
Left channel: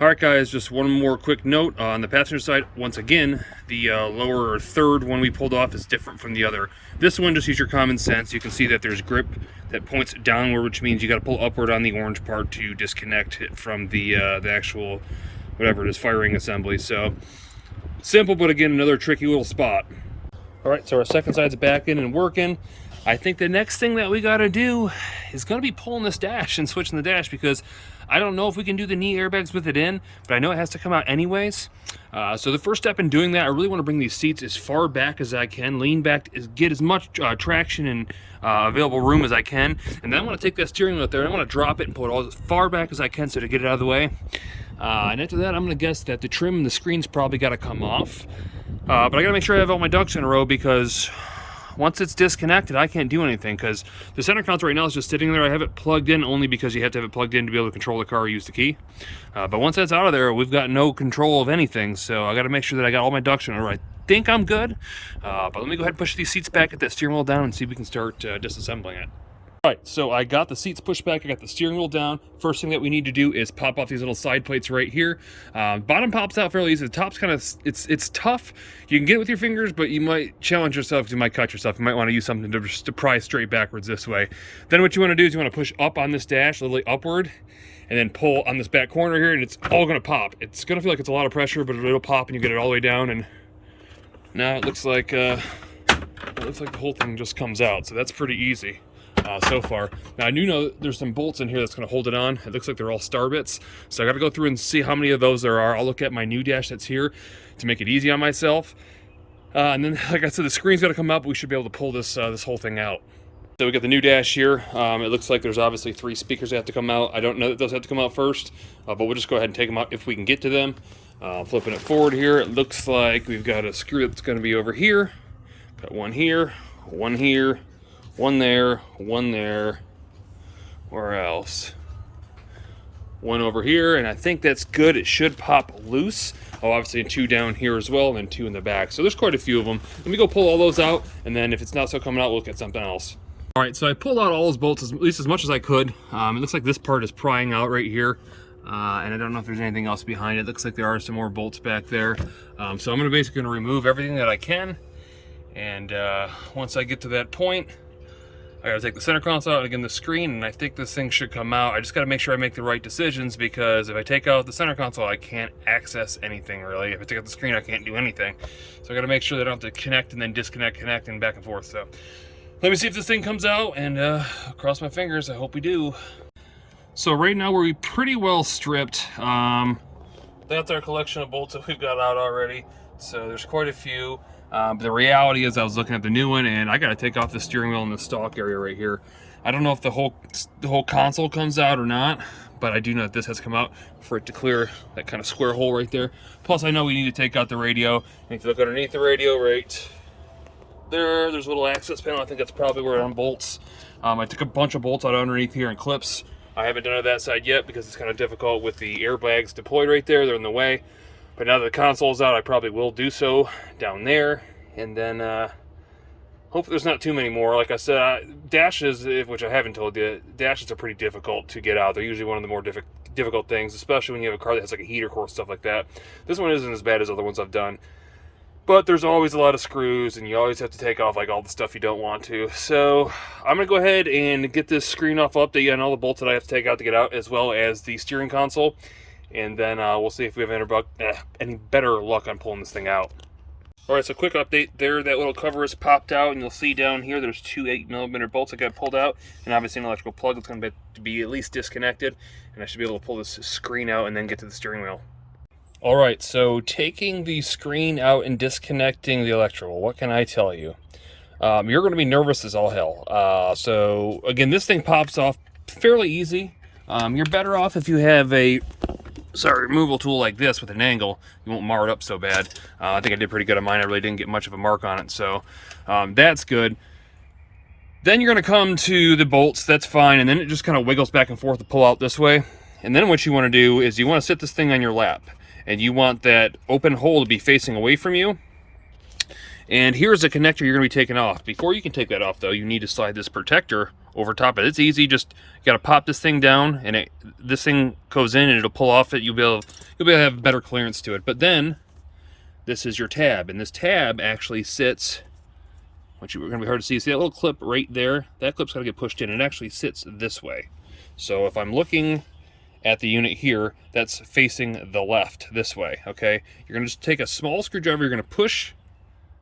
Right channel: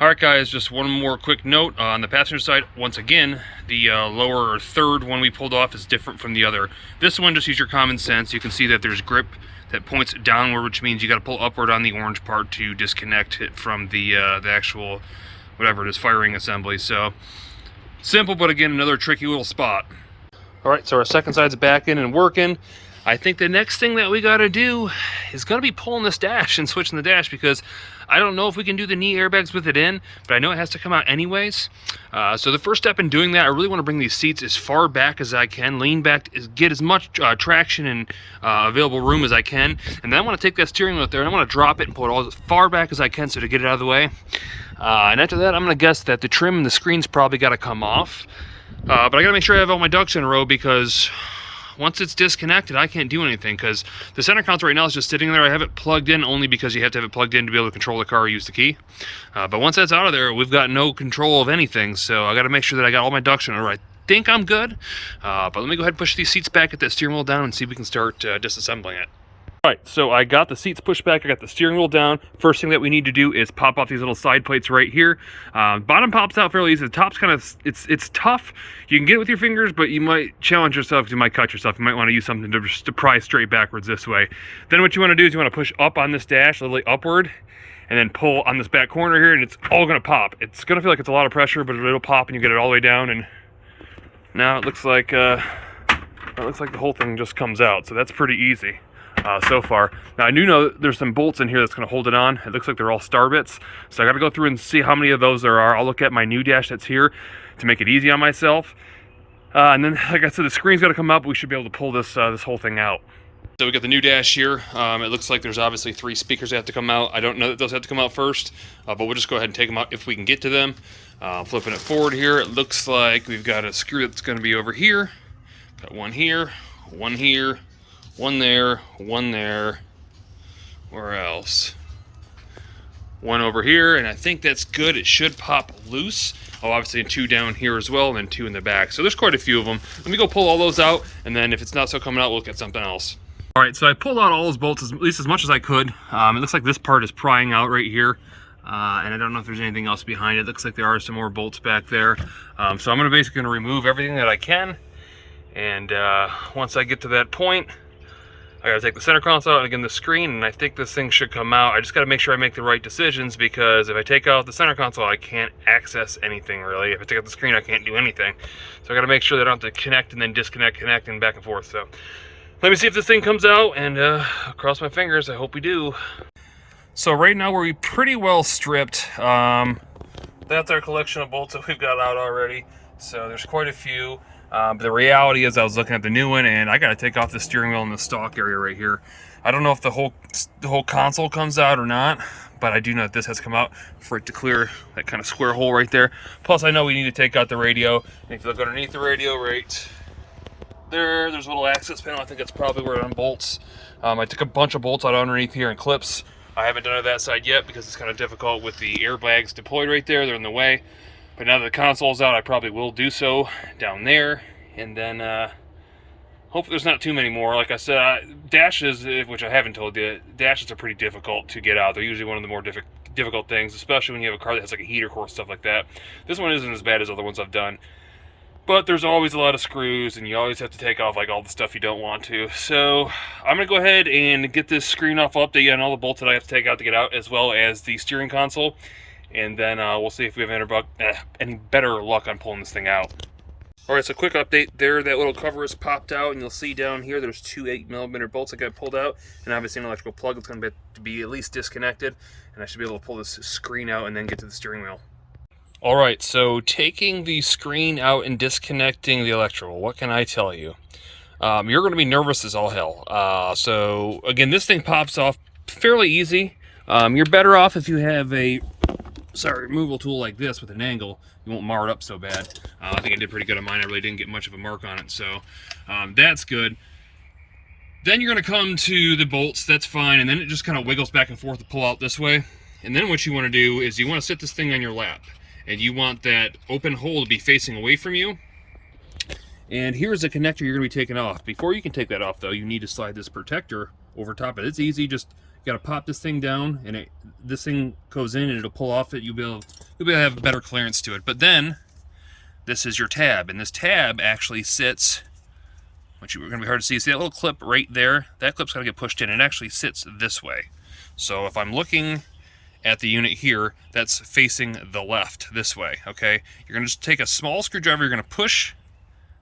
All right, guys, just one more quick note. On the passenger side, once again, the lower or 3rd one we pulled off is different from the other. This one, just use your common sense. You can see that there's grip that points downward, which means you got to pull upward on the orange part to disconnect it from the actual, whatever it is, firing assembly. So simple, but again, another tricky little spot. All right, so our second side's back in and working. I think the next thing that we got to do is going to be pulling this dash and switching the dash, because I don't know if we can do the knee airbags with it in, but I know it has to come out anyways. So the first step in doing that, I really want to bring these seats as far back as I can, lean back, get as much traction and available room as I can. And then I want to take that steering wheel out there and I want to drop it and pull it all as far back as I can so to get it out of the way. And after that, I'm going to guess that the trim and the screen's probably got to come off. But I got to make sure I have all my ducks in a row, because once it's disconnected, I can't do anything, because the center console right now is just sitting there. I have it plugged in only because you have to have it plugged in to be able to control the car or use the key. But once that's out of there, we've got no control of anything. So I got to make sure that I got all my ducks in a row. I think I'm good. But let me go ahead and push these seats back, get that steering wheel down, and see if we can start disassembling it. All right, so I got the seats pushed back, I got the steering wheel down. First thing that we need to do is pop off these little side plates right here. Bottom pops out fairly easy. The top's kind of, it's tough. You can get it with your fingers, but you might challenge yourself, you might cut yourself. You might want to use something to pry straight backwards this way. Then what you want to do is you want to push up on this dash, literally upward, and then pull on this back corner here, and it's all going to pop. It's going to feel like it's a lot of pressure, but it'll pop and you get it all the way down, and now it looks like the whole thing just comes out. So that's pretty easy. So far. Now I do know there's some bolts in here that's going to hold it on. It looks like they're all star bits, so I got to go through and see how many of those there are. I'll look at my new dash that's here to make it easy on myself, and then like I said, the screen's got to come up. We should be able to pull this this whole thing out. So we got the new dash here. It looks like there's obviously 3 speakers that have to come out. I don't know that those have to come out first, but we'll just go ahead and take them out if we can get to them. Flipping it forward here, it looks like we've got a screw that's going to be over here. Got one here, one here, one there, one there. Where else? One over here, and I think that's good. It should pop loose. Oh, obviously 2 down here as well, and then 2 in the back. So there's quite a few of them. Let me go pull all those out, and then if it's not so coming out, we'll look at something else. All right, so I pulled out all those bolts, at least as much as I could. It looks like this part is prying out right here. And I don't know if there's anything else behind it. Looks like there are some more bolts back there. So I'm basically gonna remove everything that I can. And once I get to that point, I gotta take the center console out and again the screen, and I think this thing should come out. I just gotta make sure I make the right decisions, because if I take out the center console, I can't access anything really. If I take out the screen, I can't do anything. So I gotta make sure that I don't have to connect and then disconnect, connect, and back and forth. So let me see if this thing comes out, and cross my fingers, I hope we do. So right now we're pretty well stripped. That's our collection of bolts that we've got out already. So there's quite a few. But the reality is I was looking at the new one, and I got to take off the steering wheel in the stock area right here. I don't know if the whole console comes out or not, but I do know that this has to come out for it to clear that kind of square hole right there. Plus I know we need to take out the radio. And if you look underneath the radio right there's a little access panel. I think that's probably where it unbolts. I took a bunch of bolts out underneath here and clips. I haven't done it that side yet because it's kind of difficult with the airbags deployed right there. They're in the way. But now that the console's out, I probably will do so down there. And then hopefully there's not too many more. Like I said, dashes, which I haven't told you, dashes are pretty difficult to get out. They're usually one of the more difficult things, especially when you have a car that has like a heater core, stuff like that. This one isn't as bad as other ones I've done. But there's always a lot of screws, and you always have to take off like all the stuff you don't want to. So I'm going to go ahead and get this screen off, update you on all the bolts that I have to take out to get out, as well as the steering console. And then we'll see if we have any better luck on pulling this thing out. Alright, so quick update there. That little cover is popped out, and you'll see down here there's two 8mm bolts that got pulled out, and obviously an electrical plug that's going to be at least disconnected. And I should be able to pull this screen out and then get to the steering wheel. Alright, so taking the screen out and disconnecting the electrical, what can I tell you? You're going to be nervous as all hell. So again, this thing pops off fairly easy. You're better off if you have a removal tool like this with an angle. You won't mar it up so bad. I think I did pretty good on mine. I really didn't get much of a mark on it, so that's good. Then you're going to come to the bolts, that's fine, and then it just kind of wiggles back and forth to pull out this way. And then what you want to do is you want to sit this thing on your lap, and you want that open hole to be facing away from you. And here's the connector you're going to be taking off. Before you can take that off, though, you need to slide this protector over top of it. It's easy. Just you got to pop this thing down, and this thing goes in, and it'll pull off it. You'll be able to have better clearance to it. But then this is your tab, and this tab actually sits, which are going to be hard to see. See that little clip right there? That clip's going to get pushed in. It actually sits this way. So if I'm looking at the unit here, that's facing the left this way. Okay, you're going to just take a small screwdriver. You're going to push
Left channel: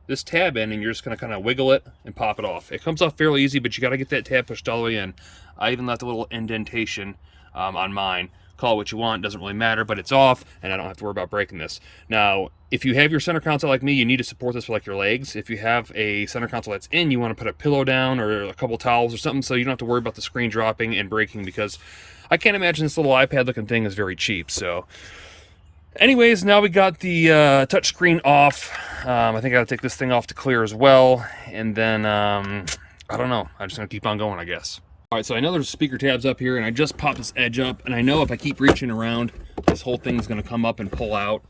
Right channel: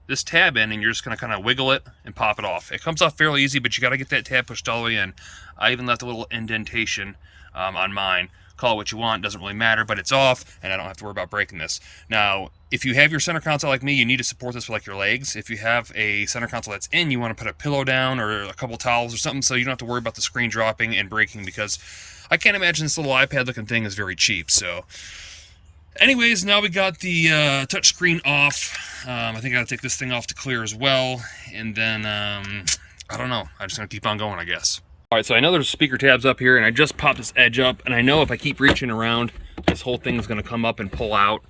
this tab in, and you're just going to kind of wiggle it and pop it off. It comes off fairly easy, but you got to get that tab pushed all the way in. I even left a little indentation on mine. Call it what you want, doesn't really matter, but it's off, and I don't have to worry about breaking this. Now, if you have your center console like me, you need to support this with like your legs. If you have a center console that's in, you want to put a pillow down or a couple towels or something so you don't have to worry about the screen dropping and breaking, because I can't imagine this little iPad looking thing is very cheap. So anyways, now we got the touch screen off. I think I gotta take this thing off to clear as well. And then, I don't know. I'm just gonna keep on going, I guess. All right, so I know there's speaker tabs up here, and I just popped this edge up, and I know if I keep reaching around, this whole thing's gonna come up and pull out.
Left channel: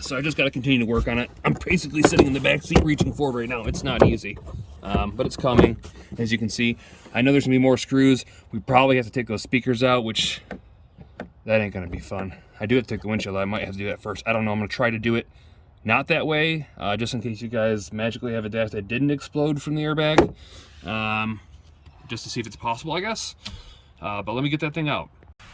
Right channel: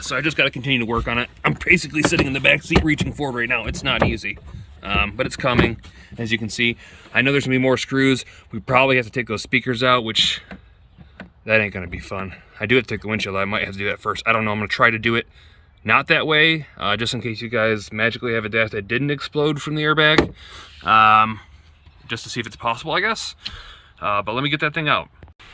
So I just gotta continue to work on it. I'm basically sitting in the back seat reaching forward right now. It's not easy, but it's coming, as you can see. I know there's gonna be more screws. We probably have to take those speakers out, which that ain't gonna be fun. I do have to take the windshield. I might have to do that first. I don't know. I'm gonna try to do it not that way, just in case you guys magically have a dash that didn't explode from the airbag, just to see if it's possible, I guess. But let me get that thing out.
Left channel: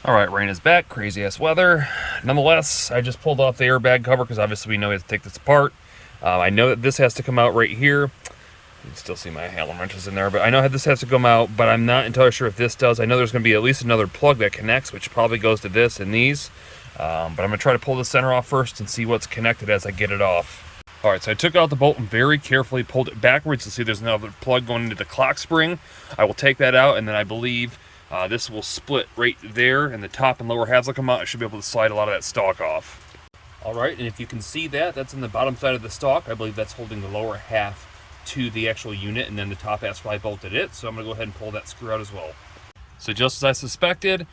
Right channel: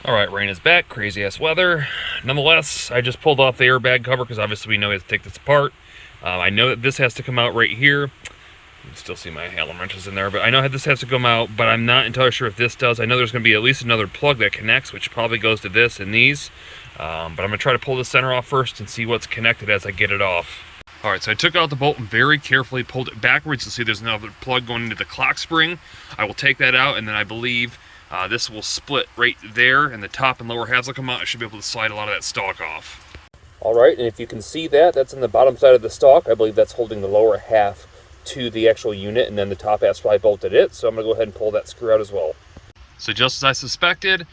All right, rain is back, crazy ass weather. Nonetheless, I just pulled off the airbag cover because obviously we know we have to take this apart. I know that this has to come out right here. You can still see my Allen wrenches in there, but I know this has to come out, but I'm not entirely sure if this does. I know there's gonna be at least another plug that connects, which probably goes to this and these. But I'm gonna try to pull the center off first and see what's connected as I get it off. All right, so I took out the bolt and very carefully pulled it backwards to see there's another plug going into the clock spring. I will take that out, and then I believe this will split right there, and the top and lower halves will come out. I should be able to slide a lot of that stock off. All right, and if you can see that, that's in the bottom side of the stock. I believe that's holding the lower half to the actual unit, and then the top half's probably bolted it. So I'm gonna go ahead and pull that screw out as well. So just as I suspected,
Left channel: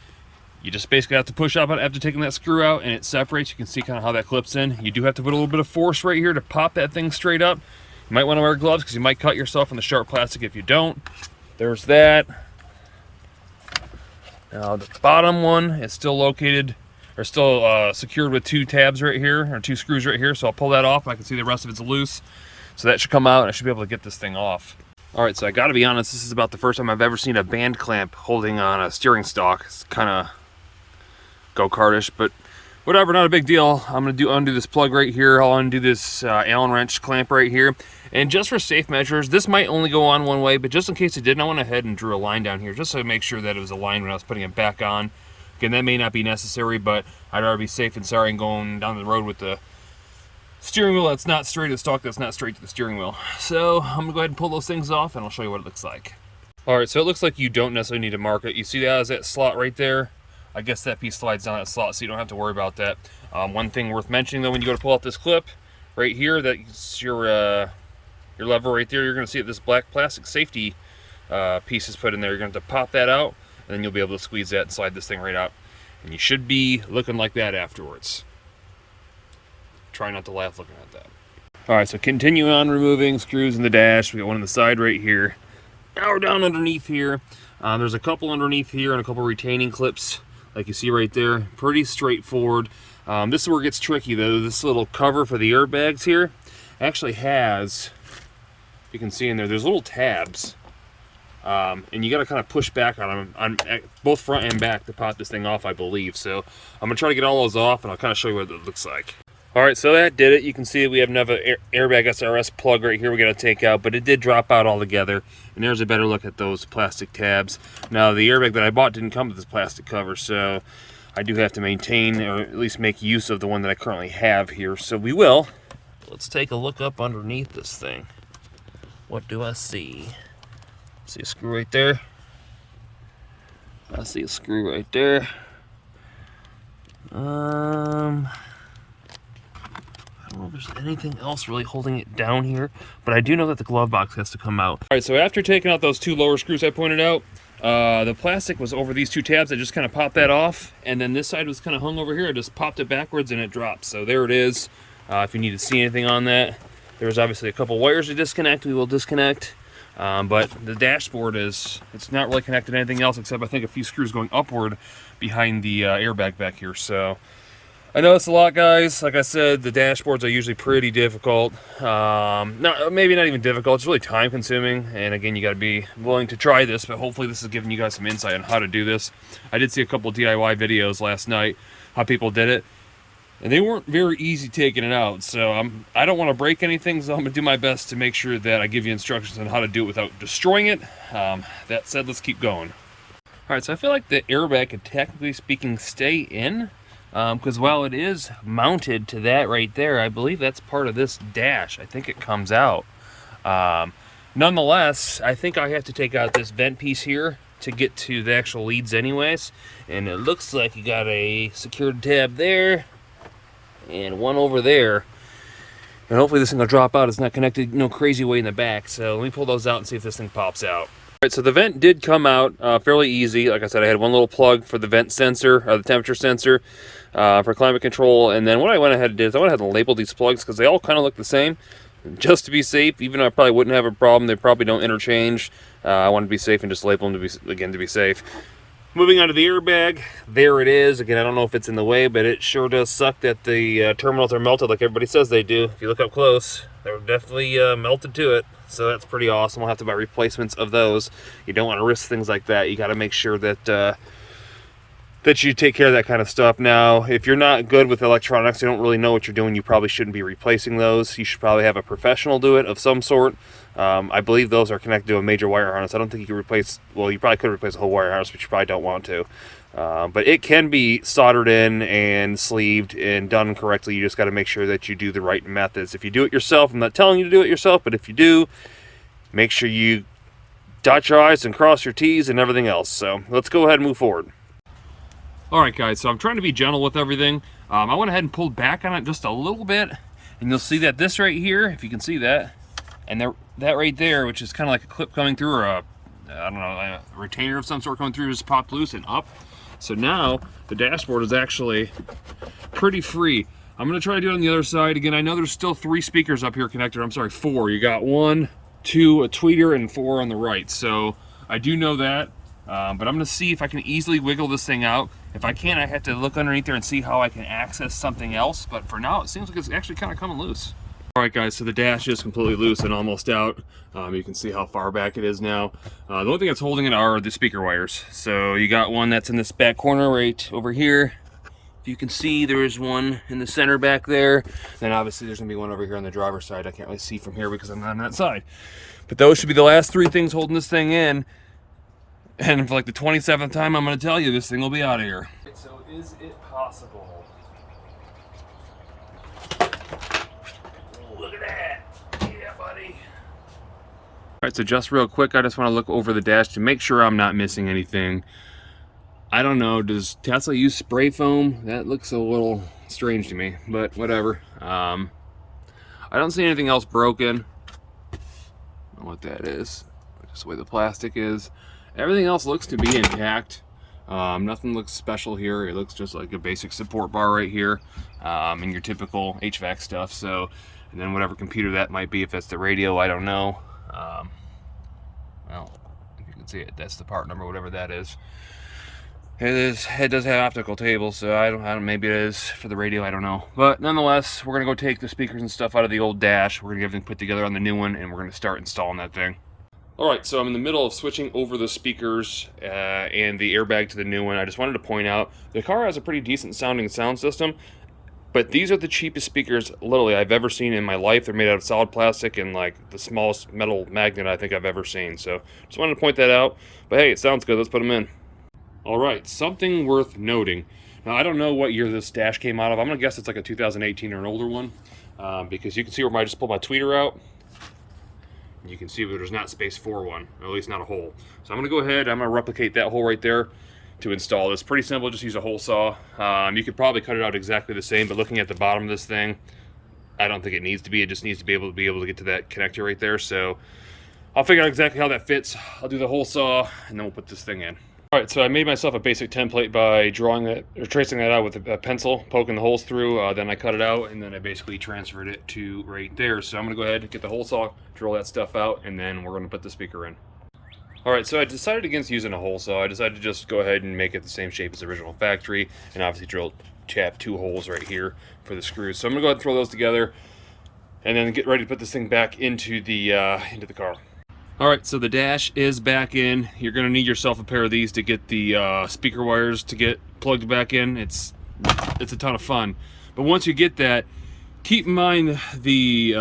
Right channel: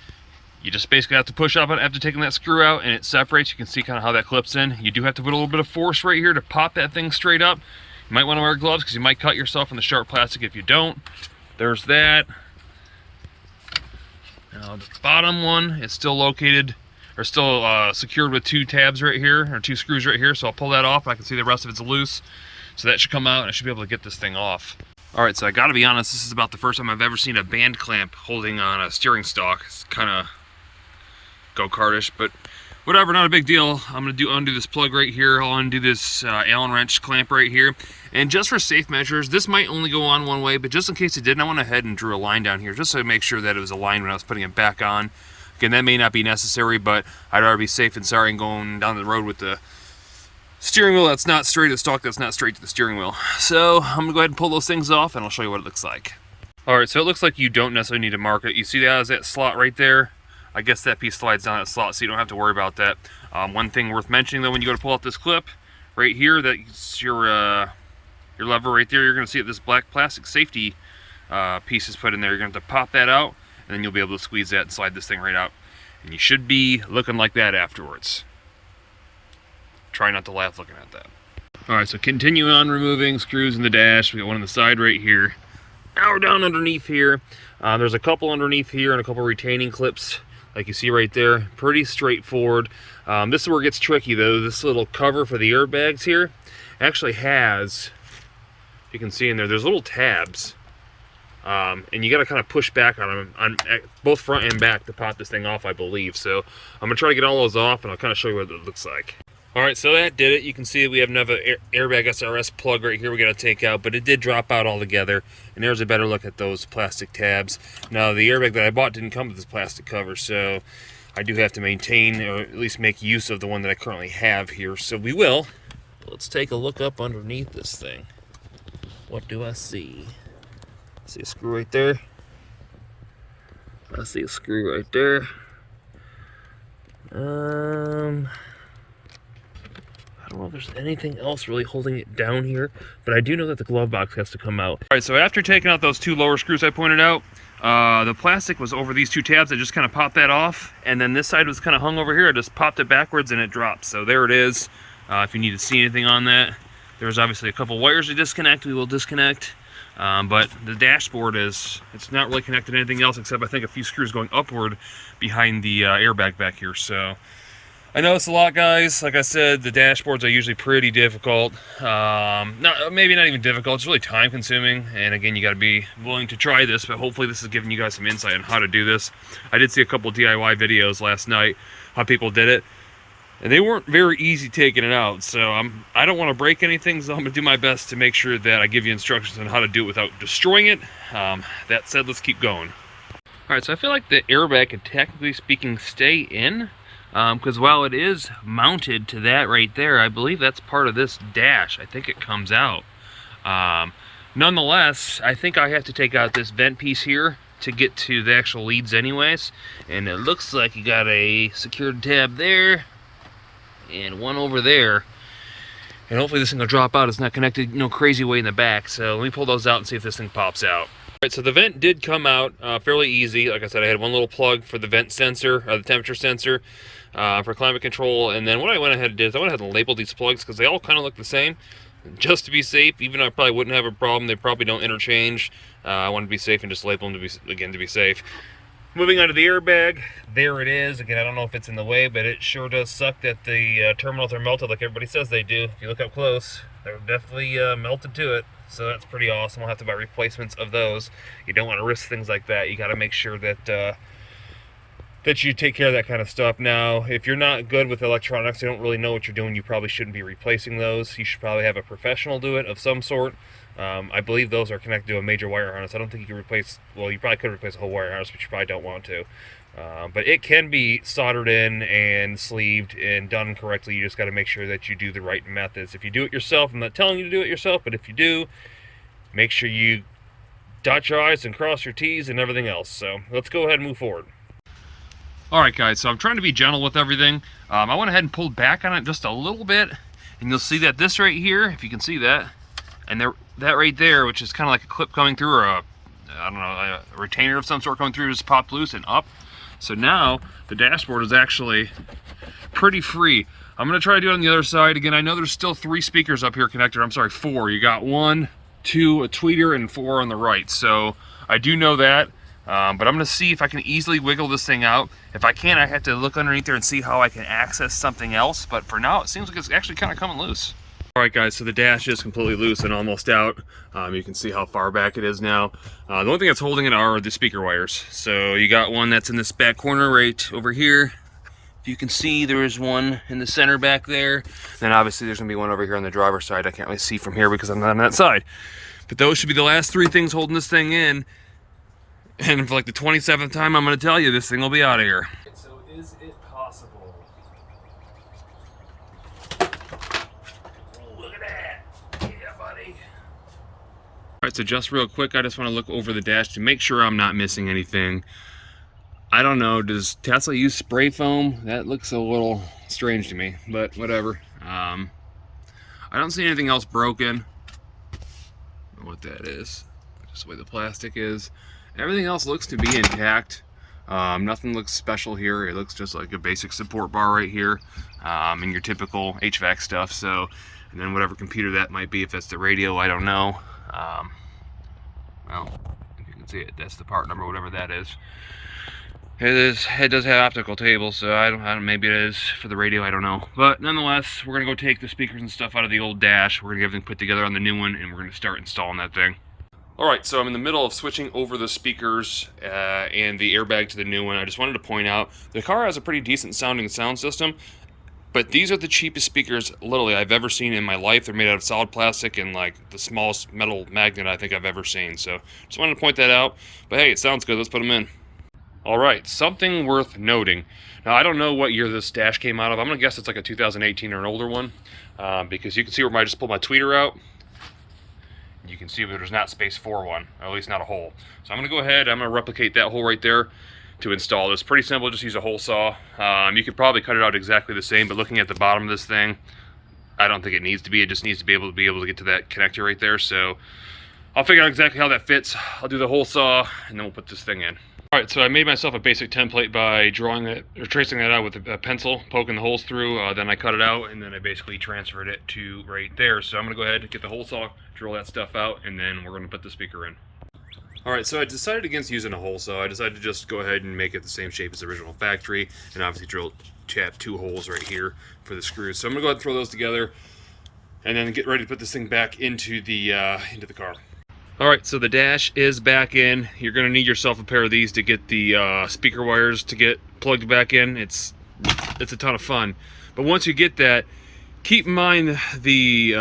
you just basically have to push up on it after taking that screw out, and it separates. You can see kind of how that clips in. You do have to put a little bit of force right here to pop that thing straight up. You might want to wear gloves because you might cut yourself on the sharp plastic if you don't. There's that. Now the bottom one is still located, or still secured with two tabs right here, or two screws right here. So I'll pull that off, and I can see the rest of it's loose. So that should come out, and I should be able to get this thing off. All right, so I gotta be honest, this is about the first time I've ever seen a band clamp holding on a steering stalk. It's kind of go-kartish, but whatever, not a big deal. I'm gonna undo this plug right here. I'll undo this Allen wrench clamp right here. And just for safe measures, this might only go on one way, but just in case it didn't, I went ahead and drew a line down here just to make sure that it was aligned when I was putting it back on. Again, that may not be necessary, but I'd rather be safe and sorry and going down the road with the steering wheel that's not straight to the stalk, that's not straight to the steering wheel. So I'm gonna go ahead and pull those things off and I'll show you what it looks like. All right, so it looks like you don't necessarily need to mark it. You see that as that slot right there? I guess that piece slides down that slot, so you don't have to worry about that. One thing worth mentioning though, when you go to pull out this clip right here, that's your lever right there, you're gonna see that this black plastic safety piece is put in there. You're gonna have to pop that out, and then you'll be able to squeeze that and slide this thing right out. And you should be looking like that afterwards. Try not to laugh looking at that. All right, so continue on removing screws in the dash. We got one on the side right here. Now we're down underneath here. There's a couple underneath here and a couple retaining clips, like you see right there. Pretty straightforward. This is where it gets tricky though. This little cover for the airbags here actually has, you can see in there, there's little tabs. And you got to kind of push back on them on both front and back to pop this thing off, I believe. So I'm gonna try to get all those off and I'll kind of show you what it looks like. All right, so that did it. You can see we have another airbag SRS plug right here we got to take out, but it did drop out altogether. And there's a better look at those plastic tabs. Now the airbag that I bought didn't come with this plastic cover, so I do have to maintain, or at least make use of the one that I currently have here. So we will. Let's take a look up underneath this thing. What do I see? See a screw right there? I see a screw right there. I don't know if there's anything else really holding it down here, but I do know that the glove box has to come out. All right, so after taking out those two lower screws I pointed out, the plastic was over these two tabs. I just kind of popped that off, and then this side was kind of hung over here. I just popped it backwards and it dropped. So there it is. If you need to see anything on that, there's obviously a couple wires to disconnect. We will disconnect. But the dashboard it's not really connected to anything else except I think a few screws going upward behind the airbag back here. So I know it's a lot, guys. Like I said, the dashboards are usually pretty difficult. Maybe not even difficult, it's really time consuming. And again, you got to be willing to try this, but hopefully this is giving you guys some insight on how to do this. I did see a couple DIY videos last night, how people did it. And they weren't very easy taking it out, so I don't want to break anything, so I'm going to do my best to make sure that I give you instructions on how to do it without destroying it. That said, let's keep going. All right, so I feel like the airbag could, technically speaking, stay in, because while it is mounted to that right there, I believe that's part of this dash. I think it comes out. Nonetheless, I think I have to take out this vent piece here to get to the actual leads anyways, and it looks like you got a secured tab there, and one over there, and hopefully this thing will drop out. It's not connected no crazy way in the back, so let me pull those out and see if this thing pops out. All right, so the vent did come out fairly easy. Like I said, I had one little plug for the vent sensor, or the temperature sensor, for climate control, and then what I went ahead and did is I went ahead and labeled these plugs because they all kind of look the same, just to be safe. Even though I probably wouldn't have a problem, they probably don't interchange. I wanted to be safe and just label them to be safe. Moving on to the airbag, there it is. Again, I don't know if it's in the way, but it sure does suck that the terminals are melted like everybody says they do. If you look up close, they're definitely melted to it. So that's pretty awesome. We'll have to buy replacements of those. You don't want to risk things like that. You got to make sure that that you take care of that kind of stuff. Now, if you're not good with electronics, you don't really know what you're doing, you probably shouldn't be replacing those. You should probably have a professional do it of some sort. I believe those are connected to a major wire harness. I don't think you can replace, well, you probably could replace a whole wire harness, but you probably don't want to. But it can be soldered in and sleeved and done correctly. You just got to make sure that you do the right methods. If you do it yourself, I'm not telling you to do it yourself, but if you do, make sure you dot your I's and cross your T's and everything else. So let's go ahead and move forward. All right, guys, so I'm trying to be gentle with everything. I went ahead and pulled back on it just a little bit, and you'll see that this right here, if you can see that, and that right there, which is kind of like a clip coming through, or I don't know, a retainer of some sort coming through, just popped loose and up. So now the dashboard is actually pretty free. I'm gonna try to do it on the other side. Again, I know there's still 3 speakers up here connected. I'm sorry, 4. You got 1, 2, a tweeter, and 4 on the right. So I do know that. But I'm gonna see if I can easily wiggle this thing out. If I can't, I have to look underneath there and see how I can access something else. But for now, it seems like it's actually kind of coming loose. Alright guys, so the dash is completely loose and almost out. You can see how far back it is now. The only thing that's holding it are the speaker wires. So you got one that's in this back corner right over here. If you can see, there is one in the center back there. Then obviously there's going to be one over here on the driver's side. I can't really see from here because I'm not on that side. But those should be the last three things holding this thing in. And for like the 27th time, I'm going to tell you this thing will be out of here. So is it possible? Look at that. Yeah, buddy. All right, so just real quick, I just want to look over the dash to make sure I'm not missing anything. I don't know, does Tesla use spray foam? That looks a little strange to me, but whatever. I don't see anything else broken. I don't know what that is. Just the way the plastic is. Everything else looks to be intact. Nothing looks special here. It looks just like a basic support bar right here, and your typical HVAC stuff. So, and then whatever computer that might be, if that's the radio, I don't know. Well, if you can see it, that's the part number, whatever that is. It does have optical tables, so I don't. Maybe it is for the radio. I don't know. But nonetheless, we're gonna go take the speakers and stuff out of the old dash. We're gonna get everything put together on the new one, and we're gonna start installing that thing. All right, so I'm in the middle of switching over the speakers and the airbag to the new one. I just wanted to point out the car has a pretty decent sounding sound system, but these are the cheapest speakers literally I've ever seen in my life. They're made out of solid plastic and like the smallest metal magnet I think I've ever seen. So just wanted to point that out. But hey, it sounds good. Let's put them in. All right, something worth noting. Now, I don't know what year this dash came out of. I'm gonna guess it's like a 2018 or an older one, because you can see where I just pulled my tweeter out. You can see that there's not space for one, or at least not a hole. So I'm gonna go ahead, I'm gonna replicate that hole right there to install this. Pretty simple, just use a hole saw. You could probably cut it out exactly the same, but looking at the bottom of this thing, I don't think it needs to be. It just needs to be able to get to that connector right there. So I'll figure out exactly how that fits. I'll do the hole saw, and then we'll put this thing in. All right, so I made myself a basic template by drawing it or tracing that out with a pencil, poking the holes through. Then I cut it out, and then I basically transferred it to right there. So I'm gonna go ahead and get the hole saw, drill that stuff out, and then we're gonna put the speaker in. All right, so I decided against using a hole saw. I decided to just go ahead and make it the same shape as the original factory, and obviously tap 2 holes right here for the screws. So I'm gonna go ahead and throw those together, and then get ready to put this thing back into the car. All right, so the dash is back in. You're gonna need yourself a pair of these to get the speaker wires to get plugged back in. It's a ton of fun. But once you get that, keep in mind the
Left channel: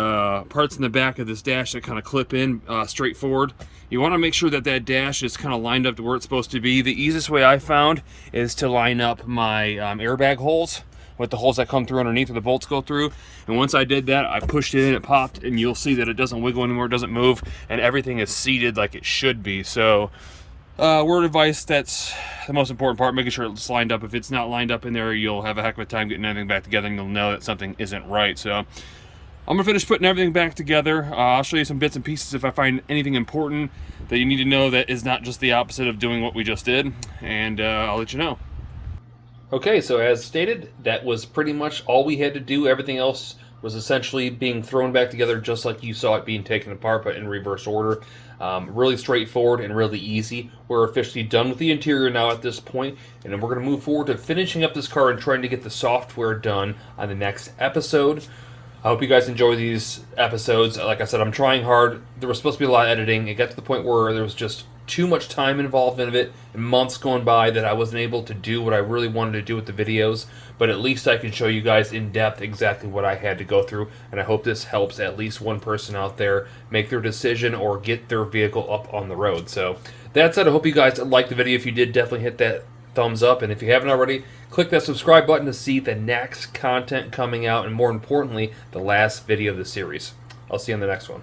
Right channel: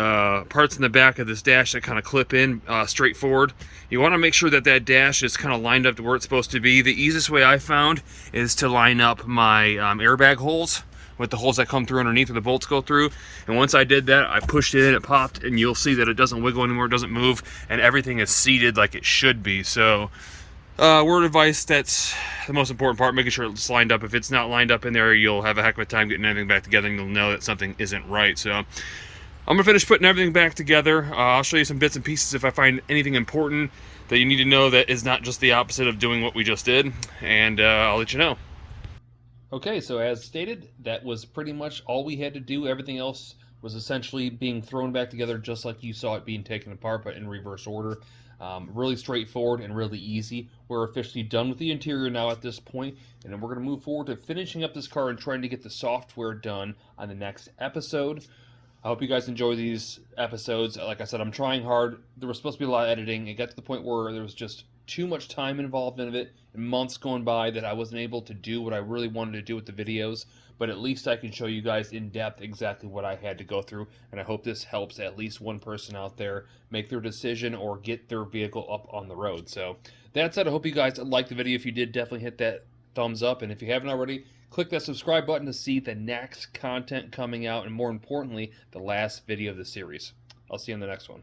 parts in the back of this dash that kind of clip in straight forward. You wanna make sure that that dash is kind of lined up to where it's supposed to be. The easiest way I found is to line up my airbag holes with the holes that come through underneath where the bolts go through. And once I did that, I pushed it in, it popped, and you'll see that it doesn't wiggle anymore, it doesn't move, and everything is seated like it should be. So word of advice, that's the most important part, making sure it's lined up. If it's not lined up in there, you'll have a heck of a time getting everything back together, and you'll know that something isn't right. So I'm gonna finish putting everything back together. I'll show you some bits and pieces if I find anything important that you need to know that is not just the opposite of doing what we just did, and I'll let you know. Okay, so as stated, that was pretty much all we had to do. Everything else was essentially being thrown back together just like you saw it being taken apart, but in reverse order. Really straightforward and really easy. We're officially done with the interior now at this point, and then we're going to move forward to finishing up this car and trying to get the software done on the next episode. I hope you guys enjoy these episodes. Like I said, I'm trying hard. There was supposed to be a lot of editing. It got to the point where there was just too much time involved in it, and months going by that I wasn't able to do what I really wanted to do with the videos, but at least I can show you guys in depth exactly what I had to go through, and I hope this helps at least one person out there make their decision or get their vehicle up on the road. So that said, I hope you guys liked the video. If you did, definitely hit that thumbs up, and if you haven't already, click that subscribe button to see the next content coming out, and more importantly, the last video of the series. I'll see you in the next one.